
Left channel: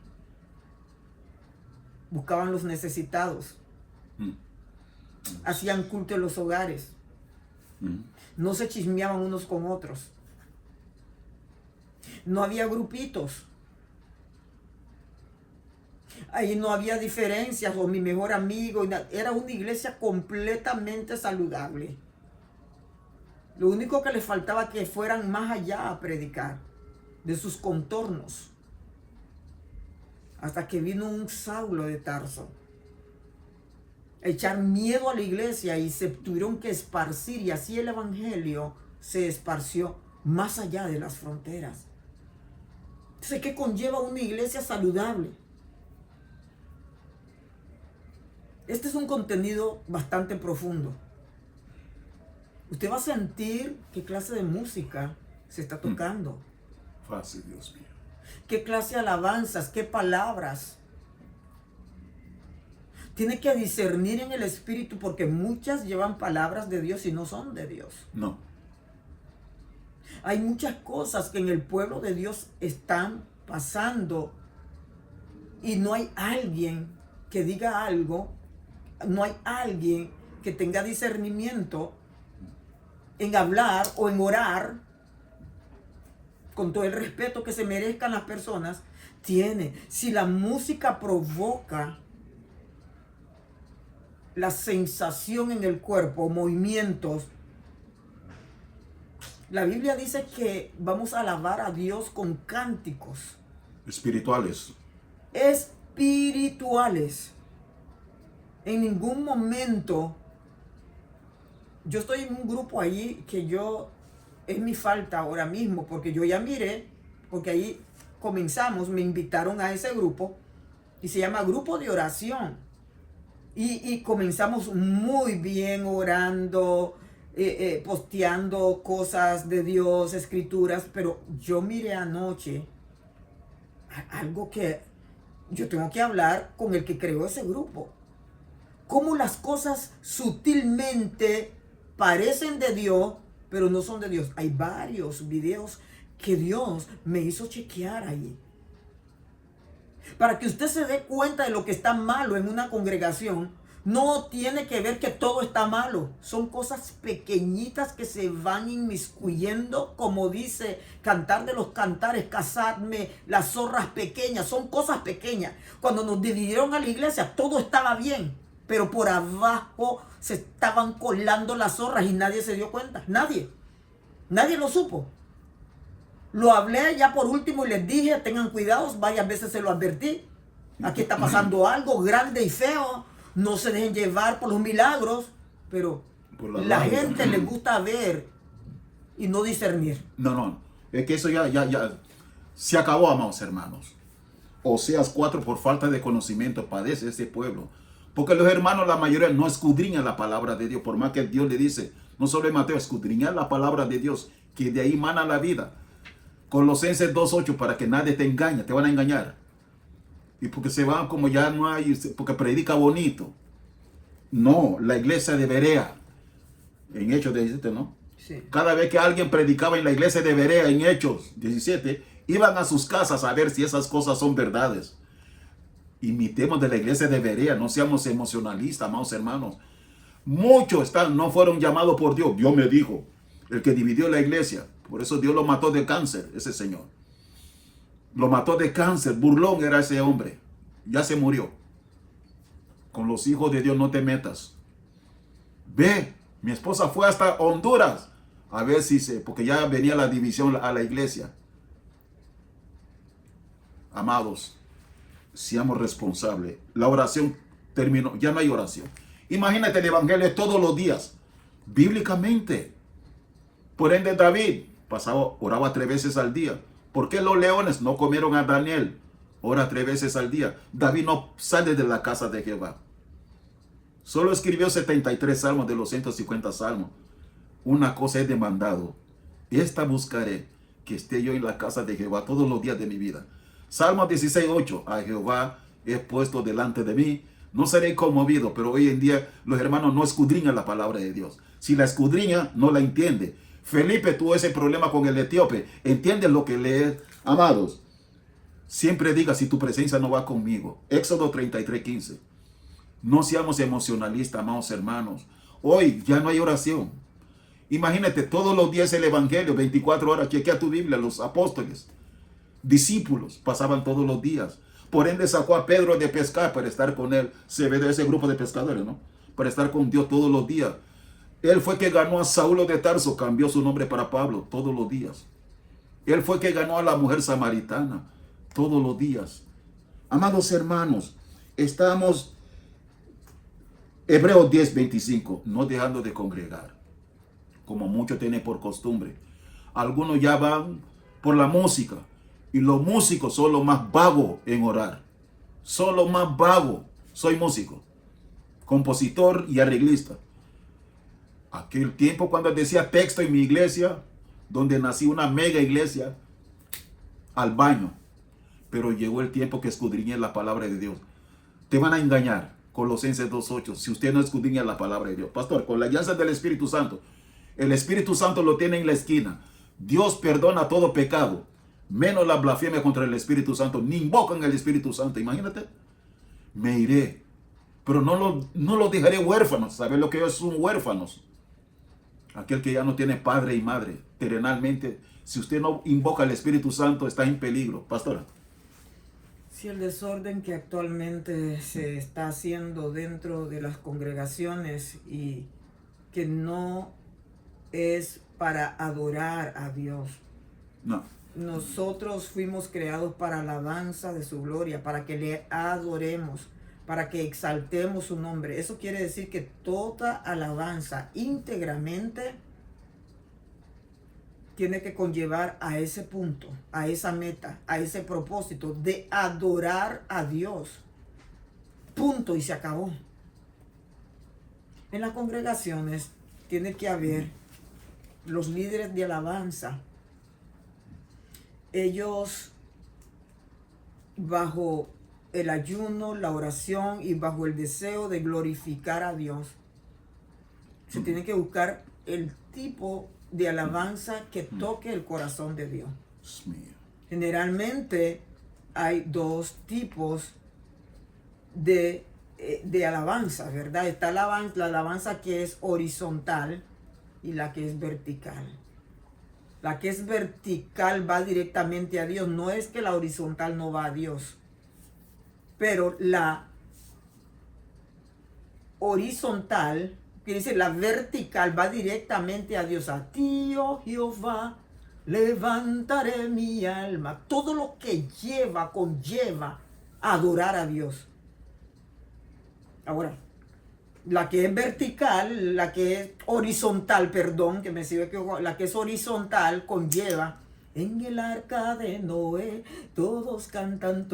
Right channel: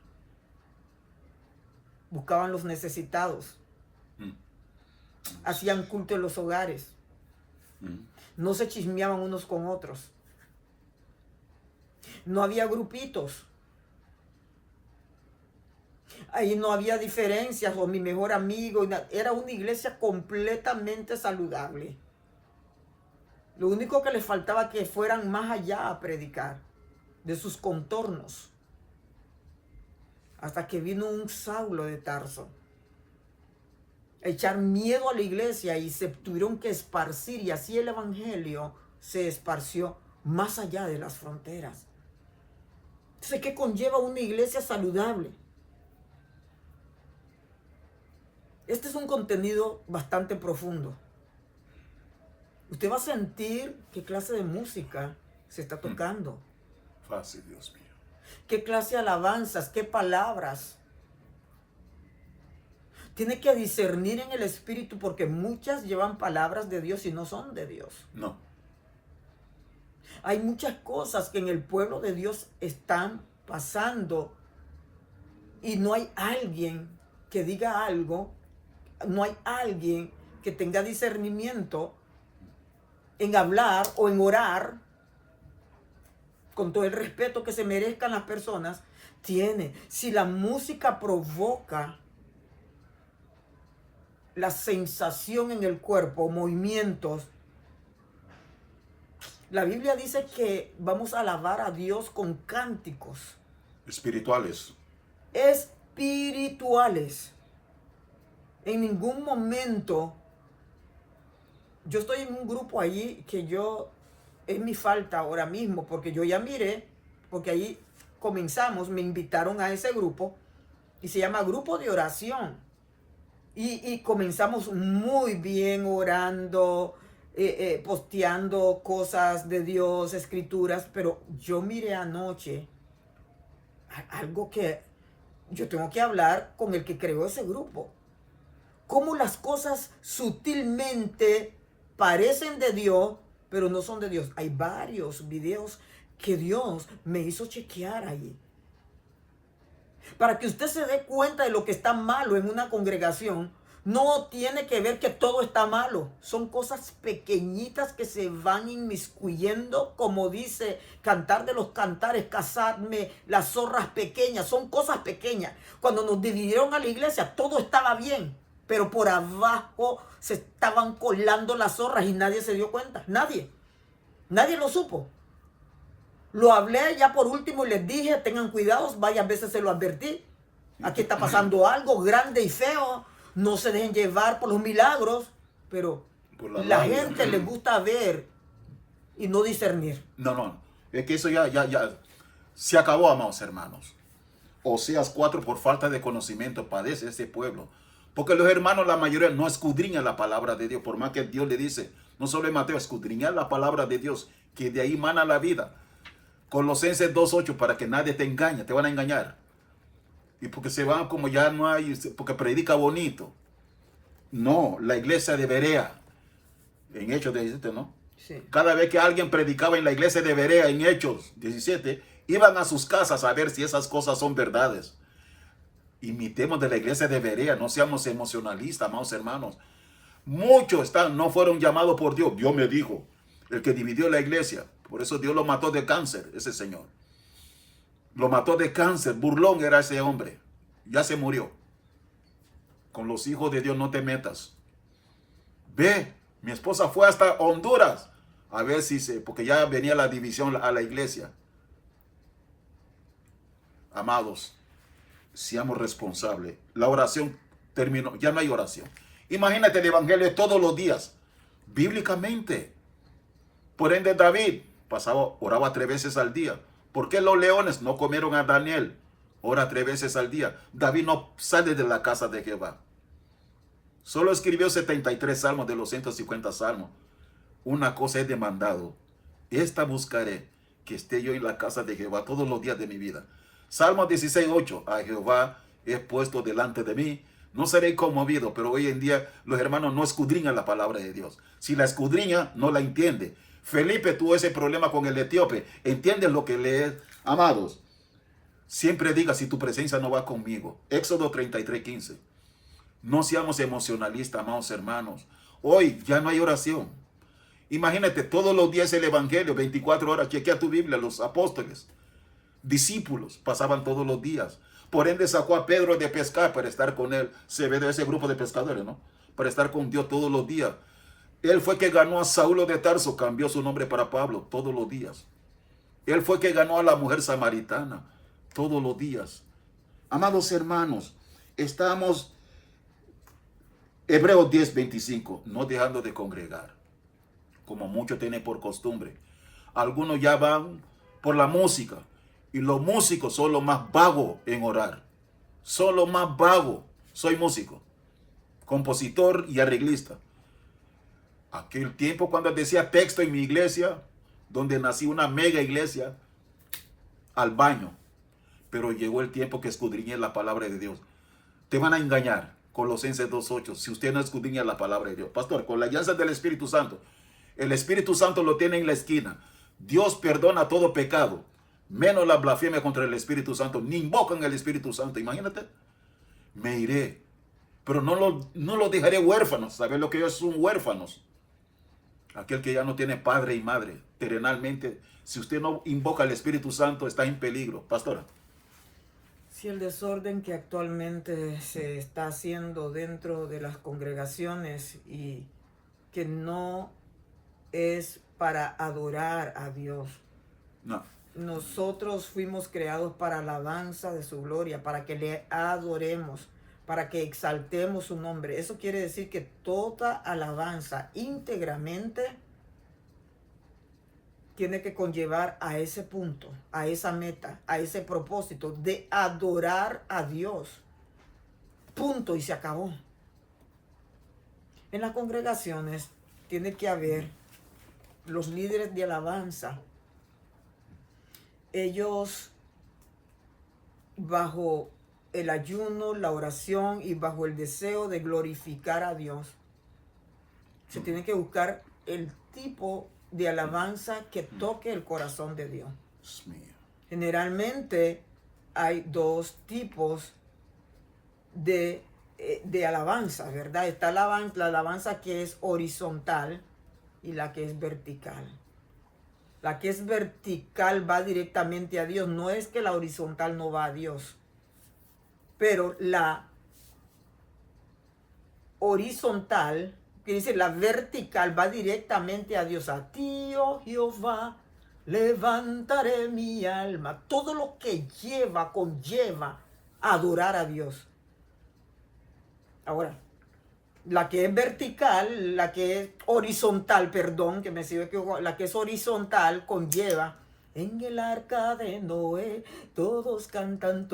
Buscaban los necesitados. Hacían culto en los hogares. No se chismeaban unos con otros. No había grupitos. Ahí no había diferencias, o mi mejor amigo. Era una iglesia completamente saludable. Lo único que les faltaba que fueran más allá a predicar de sus contornos. Hasta que vino un Saulo de Tarso a echar miedo a la iglesia y se tuvieron que esparcir, y así el evangelio se esparció más allá de las fronteras. Entonces, ¿qué conlleva una iglesia saludable? Este es un contenido bastante profundo. Usted va a sentir qué clase de música se está tocando. Fácil, Dios mío. Qué clase de alabanzas, qué palabras. Tiene que discernir en el espíritu, porque muchas llevan palabras de Dios y no son de Dios. No. Hay muchas cosas que en el pueblo de Dios están pasando y no hay alguien que diga algo, no hay alguien que tenga discernimiento en hablar o en orar con todo el respeto que se merezcan las personas. Si la música provoca la sensación en el cuerpo, movimientos, la Biblia dice que vamos a alabar a Dios con cánticos espirituales. En ningún momento, yo estoy en un grupo allí que es mi falta ahora mismo, porque yo ya miré, porque ahí comenzamos, me invitaron a ese grupo y se llama Grupo de Oración. Y comenzamos muy bien orando, posteando cosas de Dios, escrituras, pero yo miré anoche algo que yo tengo que hablar con el que creó ese grupo. Cómo las cosas sutilmente parecen de Dios, pero no son de Dios. Hay varios videos que Dios me hizo chequear allí. Para que usted se dé cuenta de lo que está malo en una congregación, no tiene que ver que todo está malo. Son cosas pequeñitas que se van inmiscuyendo, como dice Cantar de los Cantares, cazadme las zorras pequeñas. Son cosas pequeñas. Cuando nos dividieron a la iglesia, todo estaba bien, pero por abajo se estaban colando las zorras y nadie se dio cuenta. Nadie lo supo. Lo hablé ya por último y les dije, tengan cuidado, varias veces se lo advertí. Aquí está pasando algo grande y feo. No se dejen llevar por los milagros, pero la gente le gusta ver y no discernir. No. Es que eso ya se acabó, amados hermanos. Oseas 4, por falta de conocimiento padece este pueblo. Porque los hermanos, la mayoría, no escudriñan la palabra de Dios. Por más que Dios le dice, no solo en Mateo, escudriñar la palabra de Dios, que de ahí mana la vida. Colosenses 2:8, para que nadie te engañe, te van a engañar. Y porque se van como ya no hay, porque predica bonito. No, la iglesia de Berea, en Hechos 17, ¿no? Sí. Cada vez que alguien predicaba en la iglesia de Berea, en Hechos 17, iban a sus casas a ver si esas cosas son verdades. Imitemos de la iglesia de Berea, no seamos emocionalistas, amados hermanos. Muchos no fueron llamados por Dios. Dios me dijo, el que dividió la iglesia. Por eso Dios lo mató de cáncer, ese señor. Lo mató de cáncer, burlón era ese hombre. Ya se murió. Con los hijos de Dios no te metas. Ve, mi esposa fue hasta Honduras A ver si porque ya venía la división a la iglesia. Amados, seamos responsables. La oración terminó, ya no hay oración. Imagínate el evangelio todos los días, bíblicamente. Por ende, David oraba 3 veces al día. ¿Por qué los leones no comieron a Daniel? Ora 3 veces al día. David no sale de la casa de Jehová. Solo escribió 73 salmos de los 150 salmos. Una cosa he demandado. Esta buscaré, que esté yo en la casa de Jehová todos los días de mi vida. Salmo 16:8. A Jehová he puesto delante de mí. No seré conmovido, pero hoy en día los hermanos no escudriñan la palabra de Dios. Si la escudriña, no la entiende. Felipe tuvo ese problema con el etíope. ¿Entiende lo que lee? Amados, siempre diga, si tu presencia no va conmigo. Éxodo 33:15. No seamos emocionalistas, amados hermanos. Hoy ya no hay oración. Imagínate, todos los días el evangelio, 24 horas. Chequea tu Biblia, los apóstoles, discípulos, pasaban todos los días. Por ende sacó a Pedro de pescar para estar con él. Se ve de ese grupo de pescadores, ¿no? Para estar con Dios todos los días. Él fue que ganó a Saulo de Tarso, cambió su nombre para Pablo todos los días. Él fue que ganó a la mujer samaritana todos los días. Amados hermanos, estamos, Hebreos 10:25, no dejando de congregar, como muchos tienen por costumbre. Algunos ya van por la música, y los músicos son los más vagos en orar. Son los más vagos. Soy músico, compositor y arreglista. Aquel tiempo cuando decía texto en mi iglesia, donde nací, una mega iglesia, al baño. Pero llegó el tiempo que escudriñé la palabra de Dios. Te van a engañar. Colosenses 2:8. Si usted no escudriña la palabra de Dios. Pastor, con la alianza del Espíritu Santo. El Espíritu Santo lo tiene en la esquina. Dios perdona todo pecado, menos la blasfemia contra el Espíritu Santo. Ni invocan al Espíritu Santo. Imagínate. Me iré, pero no lo dejaré huérfanos. ¿Saben lo que ellos son huérfanos? Aquel que ya no tiene padre y madre. Terrenalmente, si usted no invoca al Espíritu Santo, está en peligro. Pastora. Si el desorden que actualmente se está haciendo dentro de las congregaciones y que no es para adorar a Dios. No. Nosotros fuimos creados para alabanza de su gloria, para que le adoremos, para que exaltemos su nombre. Eso quiere decir que toda alabanza íntegramente tiene que conllevar a ese punto, a esa meta, a ese propósito de adorar a Dios. Punto, y se acabó. En las congregaciones tiene que haber los líderes de alabanza. Ellos, bajo el ayuno, la oración y bajo el deseo de glorificar a Dios, se tiene que buscar el tipo de alabanza que toque el corazón de Dios. Generalmente hay 2 tipos de alabanza, ¿verdad? Está la alabanza que es horizontal y la que es vertical. La que es vertical va directamente a Dios. No es que la horizontal no va a Dios. Pero la horizontal, que dice la vertical, va directamente a Dios. A ti, oh Jehová, levantaré mi alma. Todo lo que conlleva adorar a Dios. Ahora, la que es vertical, la que es horizontal, perdón, que me sirve que la que es horizontal conlleva en el arca de Noé, todos cantan,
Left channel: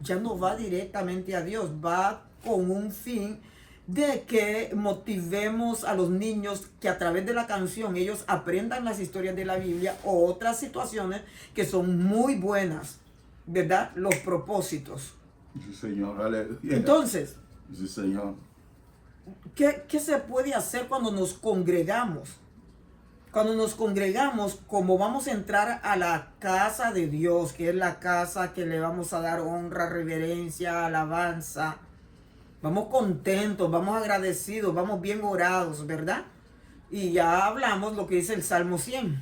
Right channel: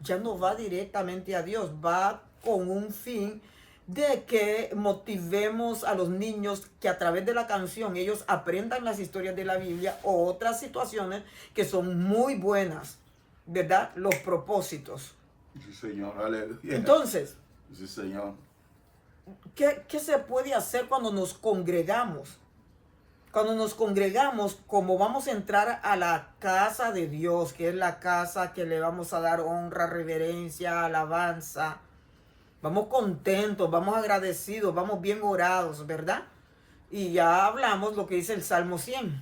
ya no va directamente a Dios, va con un fin de que motivemos a los niños que a través de la canción ellos aprendan las historias de la Biblia o otras situaciones que son muy buenas, ¿verdad? Los propósitos. Sí, Señor, aleluya. Entonces, sí, Señor. ¿Qué se puede hacer cuando nos congregamos? Cuando nos congregamos, como vamos a entrar a la casa de Dios, que es la casa que le vamos a dar honra, reverencia, alabanza, vamos contentos, vamos agradecidos, vamos bien orados, ¿verdad? Y ya hablamos lo que dice el Salmo 100.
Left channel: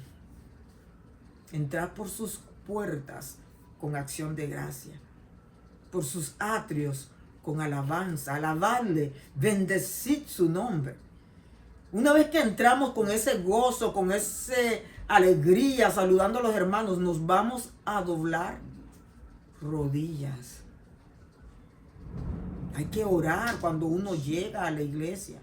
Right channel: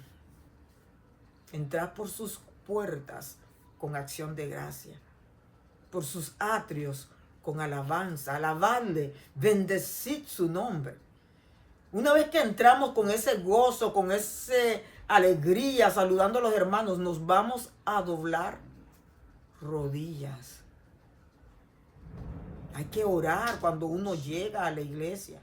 Entrar por sus puertas con acción de gracia, por sus atrios con alabanza, alabarle, bendecid su nombre. Una vez que entramos con ese gozo, con esa alegría, saludando a los hermanos, nos vamos a doblar rodillas. Hay que orar cuando uno llega a la iglesia.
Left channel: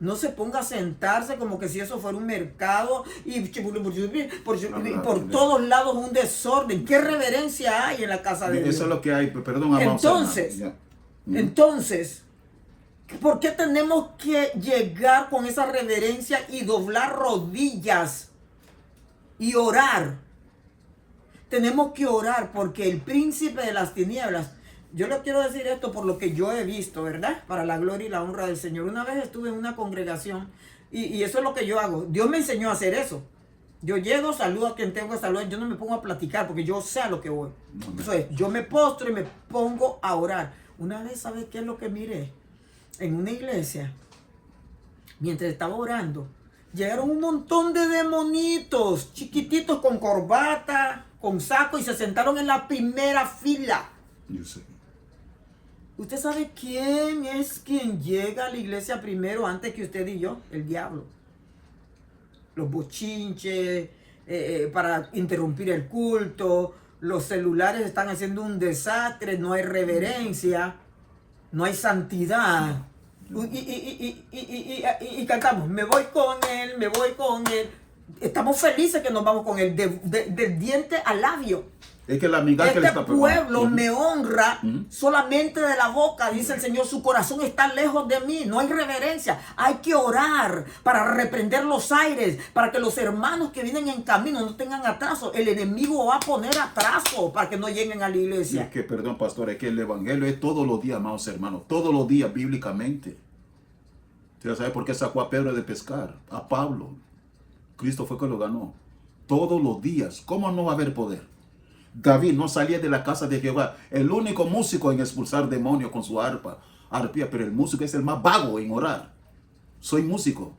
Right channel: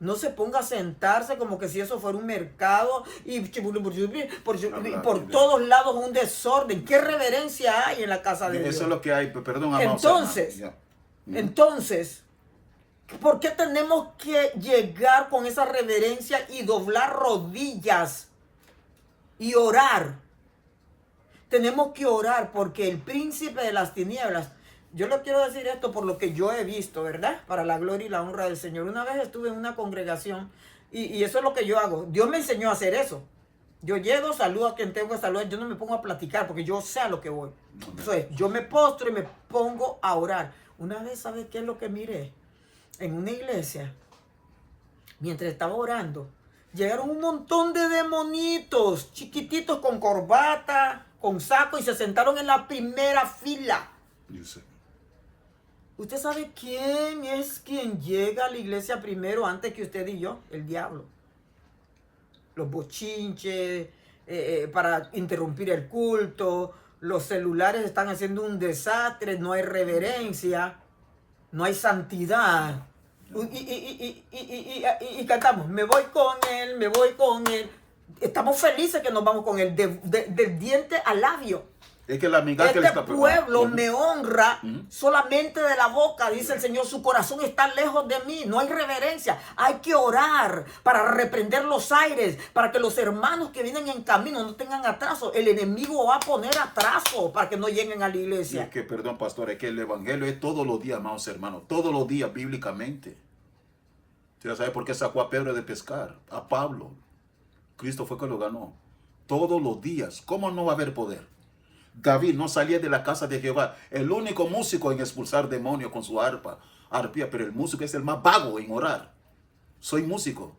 No se ponga a sentarse como que si eso fuera un mercado y por todos lados un desorden. ¿Qué reverencia hay en la casa de Dios? Eso es lo que hay, perdón. Entonces, ¿por qué tenemos que llegar con esa reverencia y doblar rodillas y orar? Tenemos que orar porque el príncipe de las tinieblas, yo le quiero decir esto por lo que yo he visto, ¿verdad? Para la gloria y la honra del Señor. Una vez estuve en una congregación y eso es lo que yo hago. Dios me enseñó a hacer eso. Yo llego, saludo a quien tengo que saludar. Yo no me pongo a platicar porque yo sé a lo que voy. Entonces, yo me postro y me pongo a orar. Una vez, ¿sabe qué es lo que miré? En una iglesia, mientras estaba orando, llegaron un montón de demonitos, chiquititos con corbata, con saco, y se sentaron en la primera fila. Yo sé. ¿Usted sabe quién es quien llega a la iglesia primero antes que usted y yo? El diablo. Los bochinches, para interrumpir el culto, los celulares están haciendo un desastre, no hay reverencia, no hay santidad. Y cantamos, me voy con él, me voy con él. Estamos felices que nos vamos con él, del diente al labio. Es que la amiga que le está pueblo me honra solamente de la boca, dice el Señor. Su corazón está lejos de mí. No hay reverencia. Hay que orar para reprender los aires, para que los hermanos que vienen en camino no tengan atraso. El enemigo va a poner atraso para que no lleguen a la iglesia. Es que, perdón, pastor, es que el evangelio es todos los días, amados hermanos. Todos los días, bíblicamente. ¿Usted sabe por qué sacó a Pedro de pescar? A Pablo. Cristo fue que lo ganó. Todos los días. ¿Cómo no va a haber poder? David no salía de la casa de Jehová. El único músico en expulsar demonios con su arpía, pero el músico es el más vago en orar. Soy músico.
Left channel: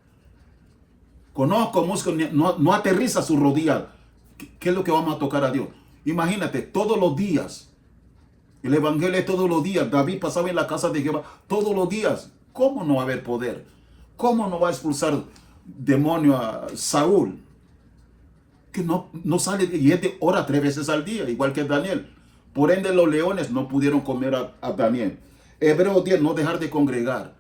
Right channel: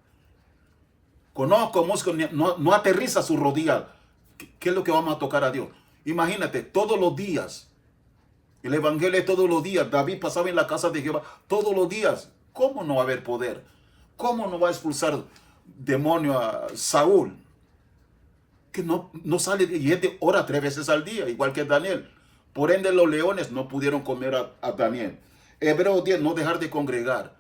Conozco músicos, no aterriza su rodilla. ¿Qué es lo que vamos a tocar a Dios? Imagínate, todos los días. El evangelio es todos los días. David pasaba en la casa de Jehová todos los días. ¿Cómo no va a haber poder? ¿Cómo no va a expulsar demonio a Saúl? Que no sale, y este ora 3 veces al día, igual que Daniel. Por ende, los leones no pudieron comer a Daniel. Hebreos 10, no dejar de congregar.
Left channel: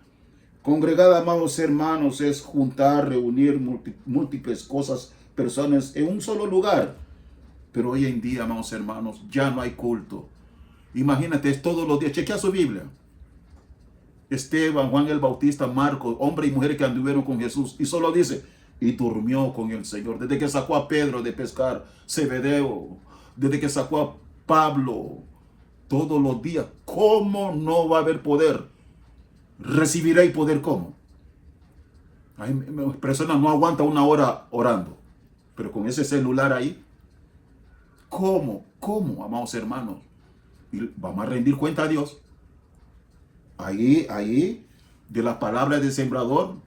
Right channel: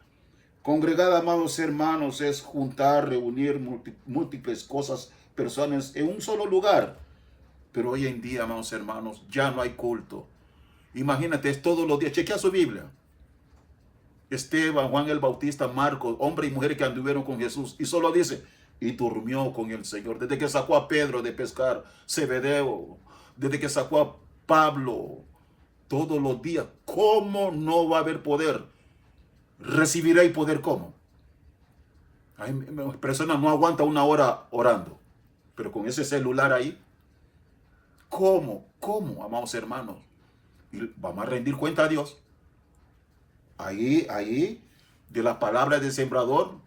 Congregar, amados hermanos, es juntar, reunir múltiples cosas, personas en un solo lugar. Pero hoy en día, amados hermanos, ya no hay culto. Imagínate, es todos los días. Chequea su Biblia. Esteban, Juan el Bautista, Marcos, hombres y mujeres que anduvieron con Jesús. Y solo dice, y durmió con el Señor. Desde que sacó a Pedro de pescar, Zebedeo, desde que sacó a Pablo, todos los días. ¿Cómo no va a haber poder? ¿Recibiré poder cómo? Hay personas no aguantan una hora orando, pero con ese celular ahí, ¿cómo, amados hermanos? Y vamos a rendir cuenta a Dios. Ahí, de las palabras del sembrador,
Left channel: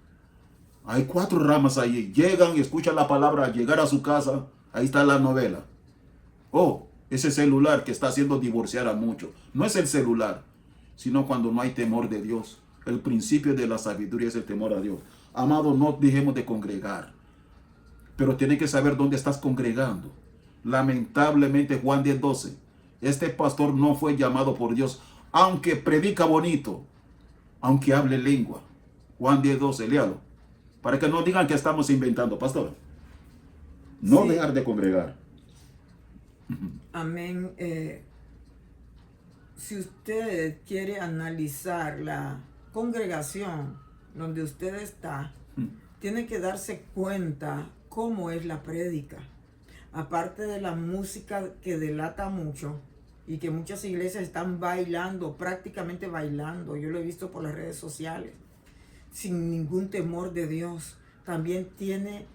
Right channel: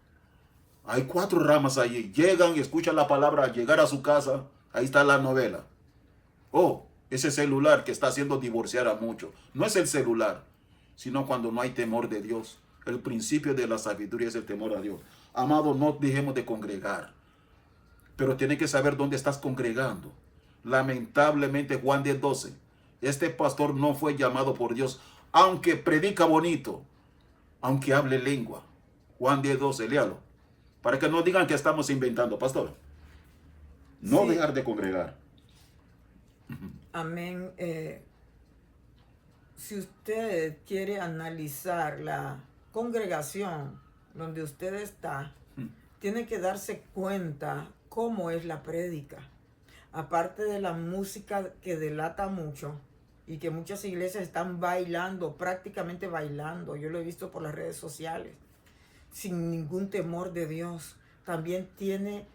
hay 4 ramas ahí. Llegan y escuchan la palabra al llegar a su casa. Ahí está la novela. Oh, ese celular que está haciendo divorciar a muchos. No es el celular, sino cuando no hay temor de Dios. El principio de la sabiduría es el temor a Dios. Amados, no dejemos de congregar. Pero tienes que saber dónde estás congregando. Lamentablemente, Juan 10:12. Este pastor no fue llamado por Dios, aunque predica bonito, aunque hable lengua. Juan 10:12, léalo. Para que no digan que estamos inventando, pastor. No sí. Dejar de congregar. Amén. Si usted quiere analizar la congregación donde usted está, tiene que darse cuenta cómo es la prédica. Aparte de la música que delata mucho y que muchas iglesias están bailando, prácticamente bailando. Yo lo he visto por las redes sociales. Sin ningún temor de Dios. También tiene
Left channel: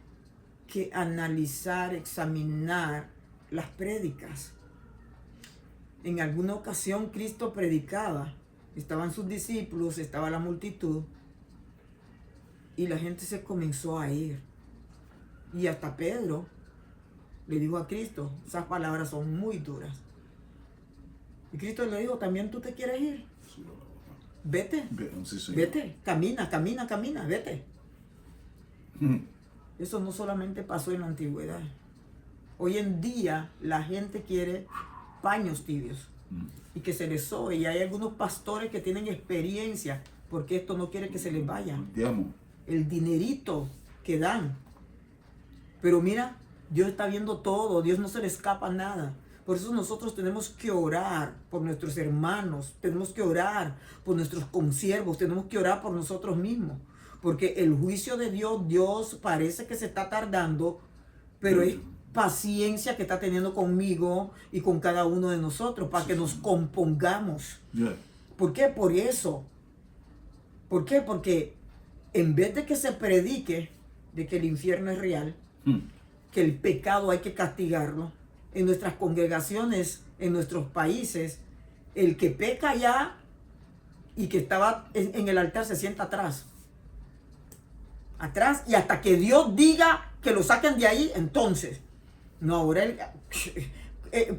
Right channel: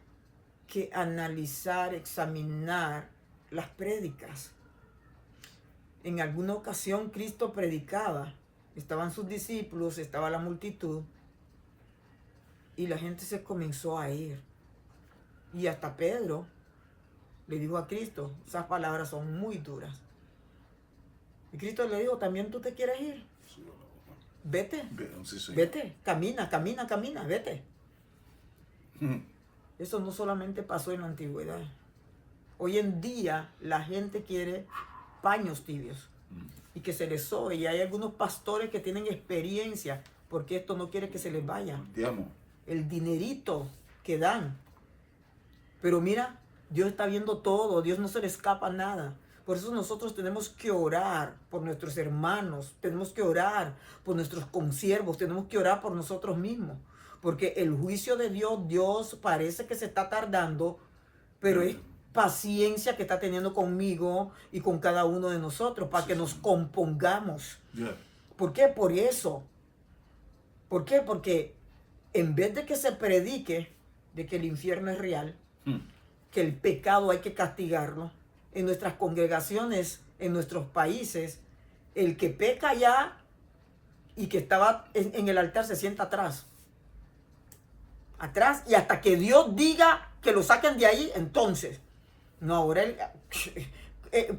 que analizar, examinar las prédicas. En alguna ocasión Cristo predicaba, estaban sus discípulos, estaba la multitud, y la gente se comenzó a ir. Y hasta Pedro le dijo a Cristo, esas palabras son muy duras. Y Cristo le dijo, ¿también tú te quieres ir? vete. Sí, sí. Vete, camina, camina, camina, vete. Eso no solamente pasó en la antigüedad. Hoy en día la gente quiere paños tibios y que se les sobe. Y hay algunos pastores que tienen experiencia porque esto no quiere que se les vaya. El dinerito que dan. Pero mira, Dios está viendo todo, Dios no se le escapa nada. Por eso nosotros tenemos que orar por nuestros hermanos, tenemos que orar por nuestros consiervos, tenemos que orar por nosotros mismos. Porque el juicio de Dios, Dios parece que se está tardando, pero es paciencia que está teniendo conmigo y con cada uno de nosotros para que nos compongamos. ¿Por qué? Por eso. ¿Por qué? Porque en vez de que se predique de que el infierno es real, que el pecado hay que castigarlo, en nuestras congregaciones, en nuestros países, el que peca allá y que estaba en el altar se sienta atrás. Atrás, y hasta que Dios diga que lo saquen de ahí, entonces. No, ahora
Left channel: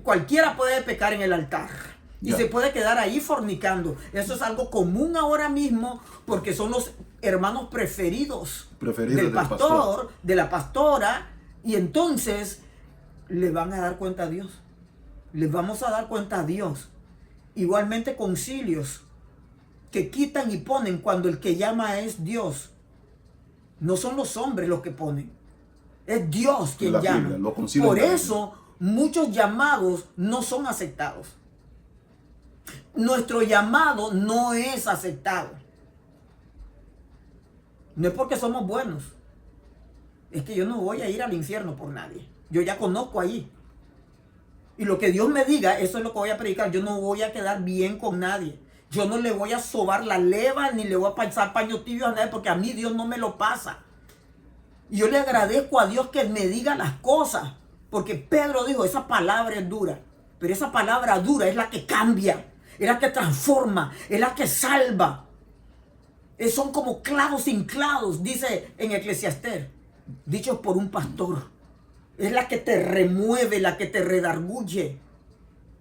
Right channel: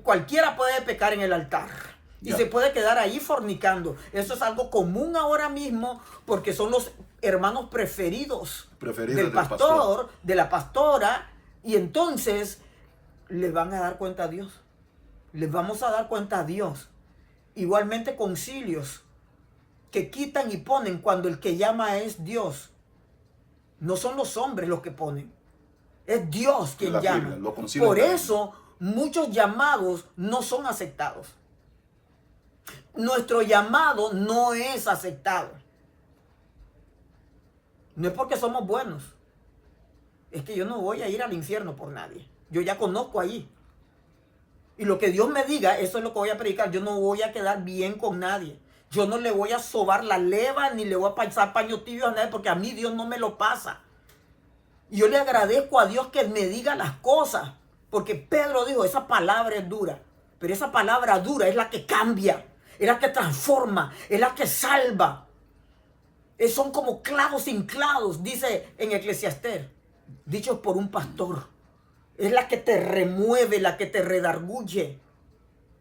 cualquiera puede pecar en el altar. Y se puede quedar ahí fornicando. Eso es algo común ahora mismo porque son los hermanos preferidos del pastor, de la pastora. Y entonces le van a dar cuenta a Dios. Les vamos a dar cuenta a Dios. Igualmente concilios que quitan y ponen cuando el que llama es Dios. No son los hombres los que ponen. Es Dios quien llama. Por eso muchos llamados no son aceptados. Nuestro llamado no es aceptado. No es porque somos buenos. Es que yo no voy a ir al infierno por nadie. Yo ya conozco ahí. Y lo que Dios me diga, eso es lo que voy a predicar. Yo no voy a quedar bien con nadie. Yo no le voy a sobar la leva ni le voy a pasar paño tibio a nadie porque a mí Dios no me lo pasa. Y yo le agradezco a Dios que me diga las cosas. Porque Pedro dijo, esa palabra es dura. Pero esa palabra dura es la que cambia. Es la que transforma. Es la que salva. Son como clavos sin clavos, dice en Eclesiastés. Dichos por un pastor. Es la que te remueve, la que te redarguye.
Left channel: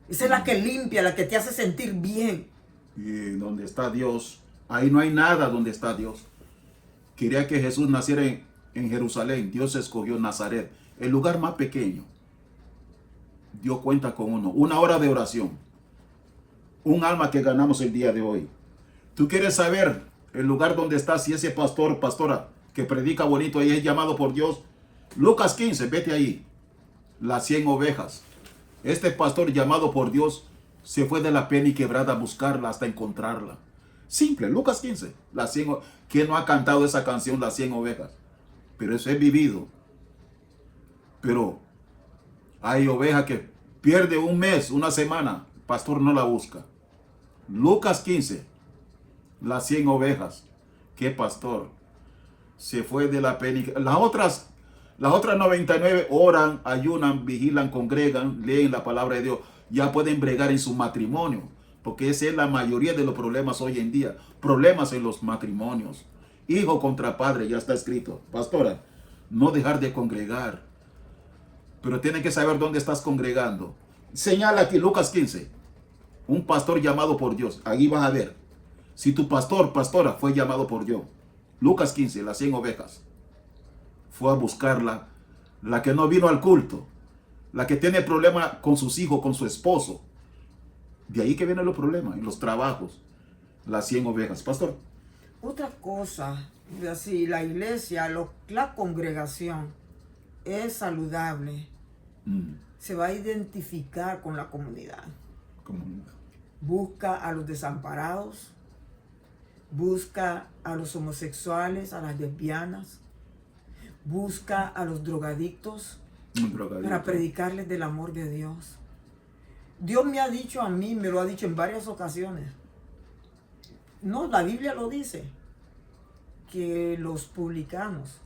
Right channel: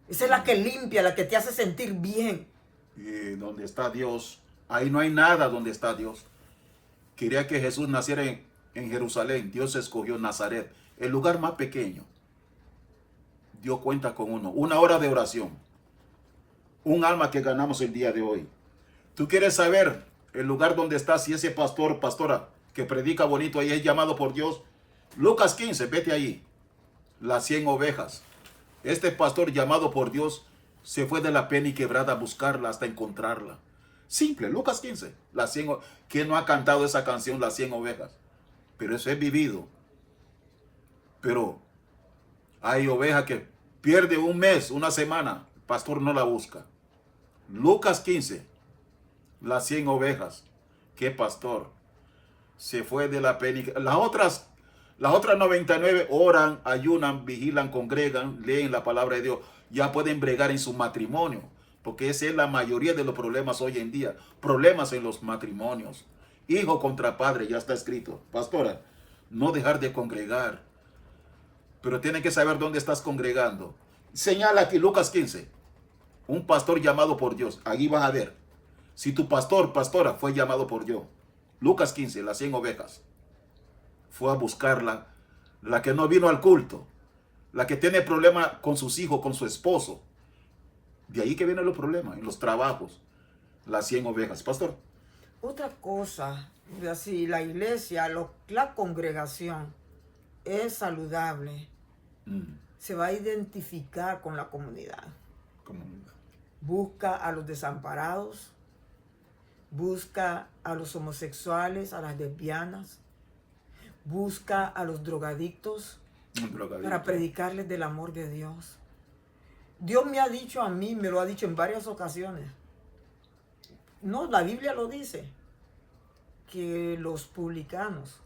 Esa es la que limpia, la que te hace sentir bien. Y donde está Dios, ahí no hay nada donde está Dios. Quería que Jesús naciera en Jerusalén. Dios escogió Nazaret, el lugar más pequeño. Dios cuenta con uno. 1 hora de oración. Un alma que ganamos el día de hoy. ¿Tú quieres saber el lugar donde está? Si ese pastor o pastora que predica bonito ahí es llamado por Dios. Lucas 15, vete ahí. Las 100 ovejas. Este pastor llamado por Dios se fue de la pena y quebrada a buscarla hasta encontrarla. Simple, Lucas 15. Las 100 ¿Quién no ha cantado esa canción, Las 100 ovejas? Pero eso es vivido. Pero hay oveja que pierde un mes, una semana. El pastor no la busca. Lucas 15. Las 100 ovejas. ¿Qué pastor? Se fue de la pena. Las otras 99 oran, ayunan, vigilan, congregan, leen la palabra de Dios. Ya pueden bregar en su matrimonio. Porque esa es la mayoría de los problemas hoy en día. Problemas en los matrimonios. Hijo contra padre, ya está escrito. Pastora, no dejar de congregar. Pero tiene que saber dónde estás congregando. Señala aquí Lucas 15. Un pastor llamado por Dios. Ahí vas a ver. Si tu pastor, pastora, fue llamado por Dios. Lucas 15, las 100 ovejas. Fue a buscarla. La que no vino al culto. La que tiene problema con sus hijos, con su esposo. De ahí que vienen los problemas, en los trabajos. Las 100 ovejas. Pastor. Otra cosa, si la iglesia, la congregación es saludable, se va a identificar con la comunidad. Busca a los desamparados, busca a los homosexuales, a las lesbianas, busca a los drogadictos para predicarles del amor de Dios. Dios me ha dicho a mí, me lo ha dicho en varias ocasiones. No, la Biblia lo dice, que los publicanos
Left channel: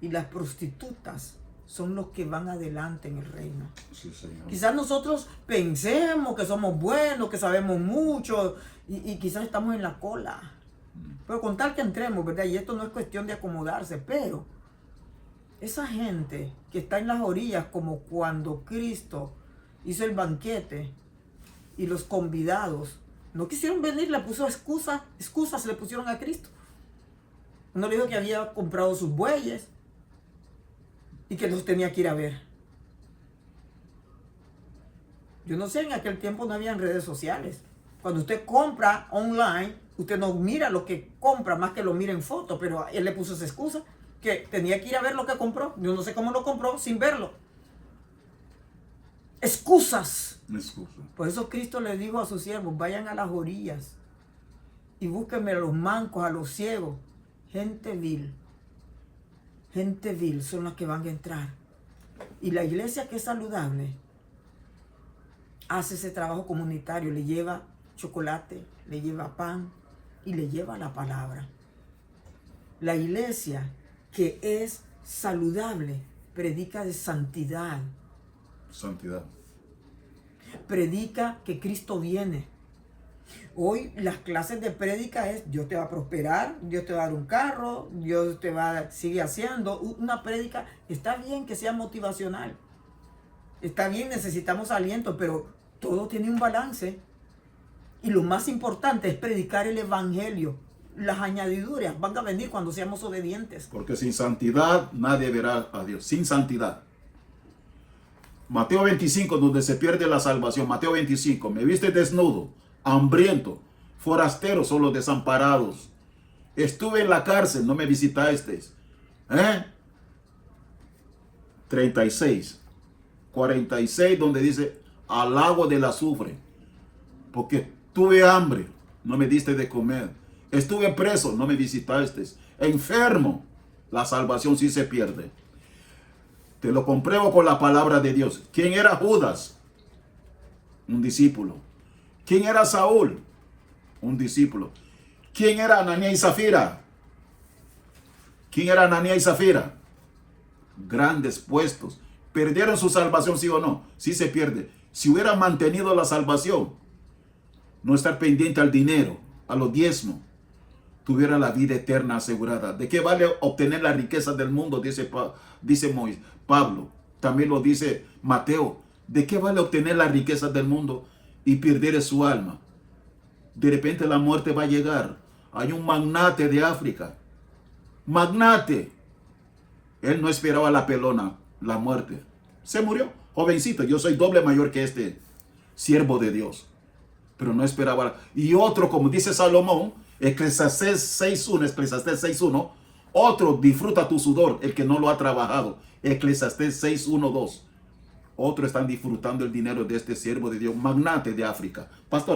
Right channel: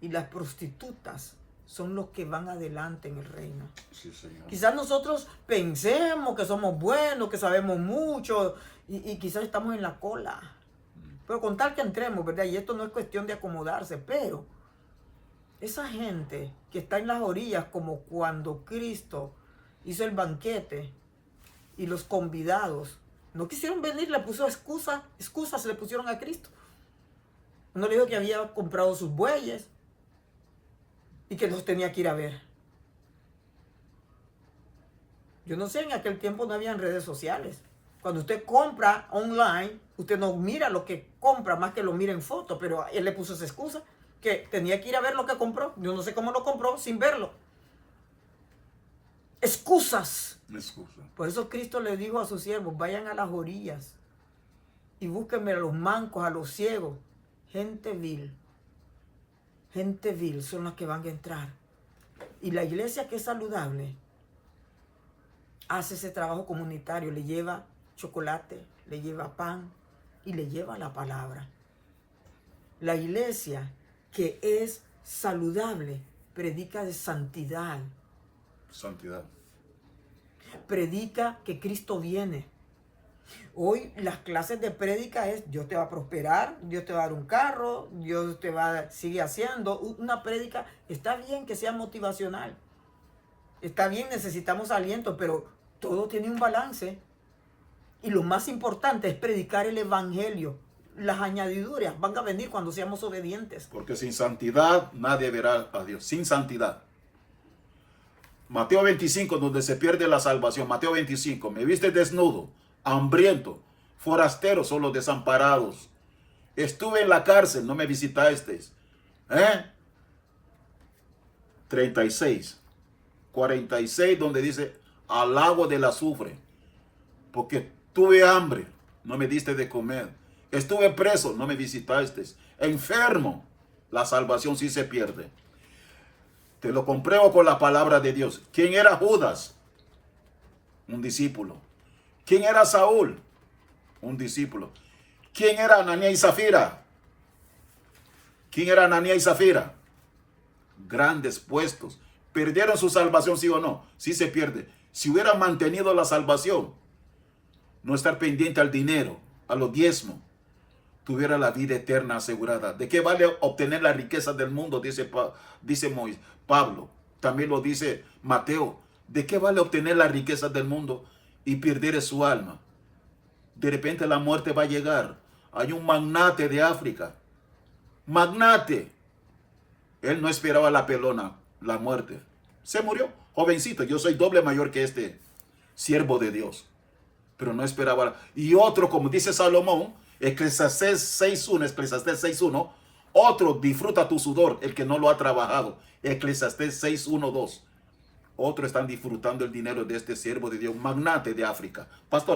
y las prostitutas son los que van adelante en el reino. Sí, Señor. Quizás nosotros pensemos que somos buenos, que sabemos mucho y quizás estamos en la cola. Pero con tal que entremos, ¿verdad? Y esto no es cuestión de acomodarse, pero esa gente que está en las orillas, como cuando Cristo hizo el banquete y los convidados No quisieron venir, le puso excusas se le pusieron a Cristo. Uno le dijo que había comprado sus bueyes y que los tenía que ir a ver. Yo no sé, en aquel tiempo no habían redes sociales. Cuando usted compra online, usted no mira lo que compra más que lo mira en foto, pero él le puso esa excusa que tenía que ir a ver lo que compró. Yo no sé cómo lo compró sin verlo. Excusas. Por eso Cristo le dijo a sus siervos, vayan a las orillas y búsquenme a los mancos, a los ciegos. Gente vil son las que van a entrar. Y la iglesia que es saludable hace ese trabajo comunitario, le lleva chocolate, le lleva pan y le lleva la palabra. La iglesia que es saludable predica de santidad. Santidad. Predica que Cristo viene. Hoy las clases de prédica es Dios te va a prosperar, Dios te va a dar un carro, Dios te va a seguir haciendo. Una prédica, está bien que sea motivacional. Está bien, necesitamos aliento, pero todo tiene un balance. Y lo más importante es predicar el evangelio. Las añadiduras van a venir cuando seamos obedientes. Porque sin santidad nadie verá a Dios. Sin santidad. Mateo 25, donde se pierde la salvación. Mateo 25, me viste desnudo, hambriento, forastero, son los desamparados. Estuve en la cárcel, no me visitasteis. 36, 46, donde dice, al agua del azufre. Porque tuve hambre, no me diste de comer. Estuve preso, no me visitasteis. Enfermo, la salvación sí se pierde. Te lo compruebo con la palabra de Dios. ¿Quién era Judas? Un discípulo. ¿Quién era Saúl? Un discípulo. ¿Quién era Ananías y Zafira? ¿Quién era Ananías y Zafira? Grandes puestos. ¿Perdieron su salvación, sí o no? Sí se pierde. Si hubieran mantenido la salvación, no estar pendiente al dinero, a los diezmos, tuviera la vida eterna asegurada. ¿De qué vale obtener la riqueza del mundo? Dice Pablo. También lo dice Mateo. ¿De qué vale obtener la riqueza del mundo y perder su alma? De repente la muerte va a llegar. Hay un magnate de África. Magnate. Él no esperaba la pelona, la muerte. Se murió. Jovencito, yo soy doble mayor que este siervo de Dios. Pero no esperaba. Y otro, como dice Salomón, Eclesiastés 6.1, otro disfruta tu sudor, el que no lo ha trabajado. Eclesiastés 6.1.2. Otros están disfrutando el dinero de este siervo de Dios, magnate de África. Pastora.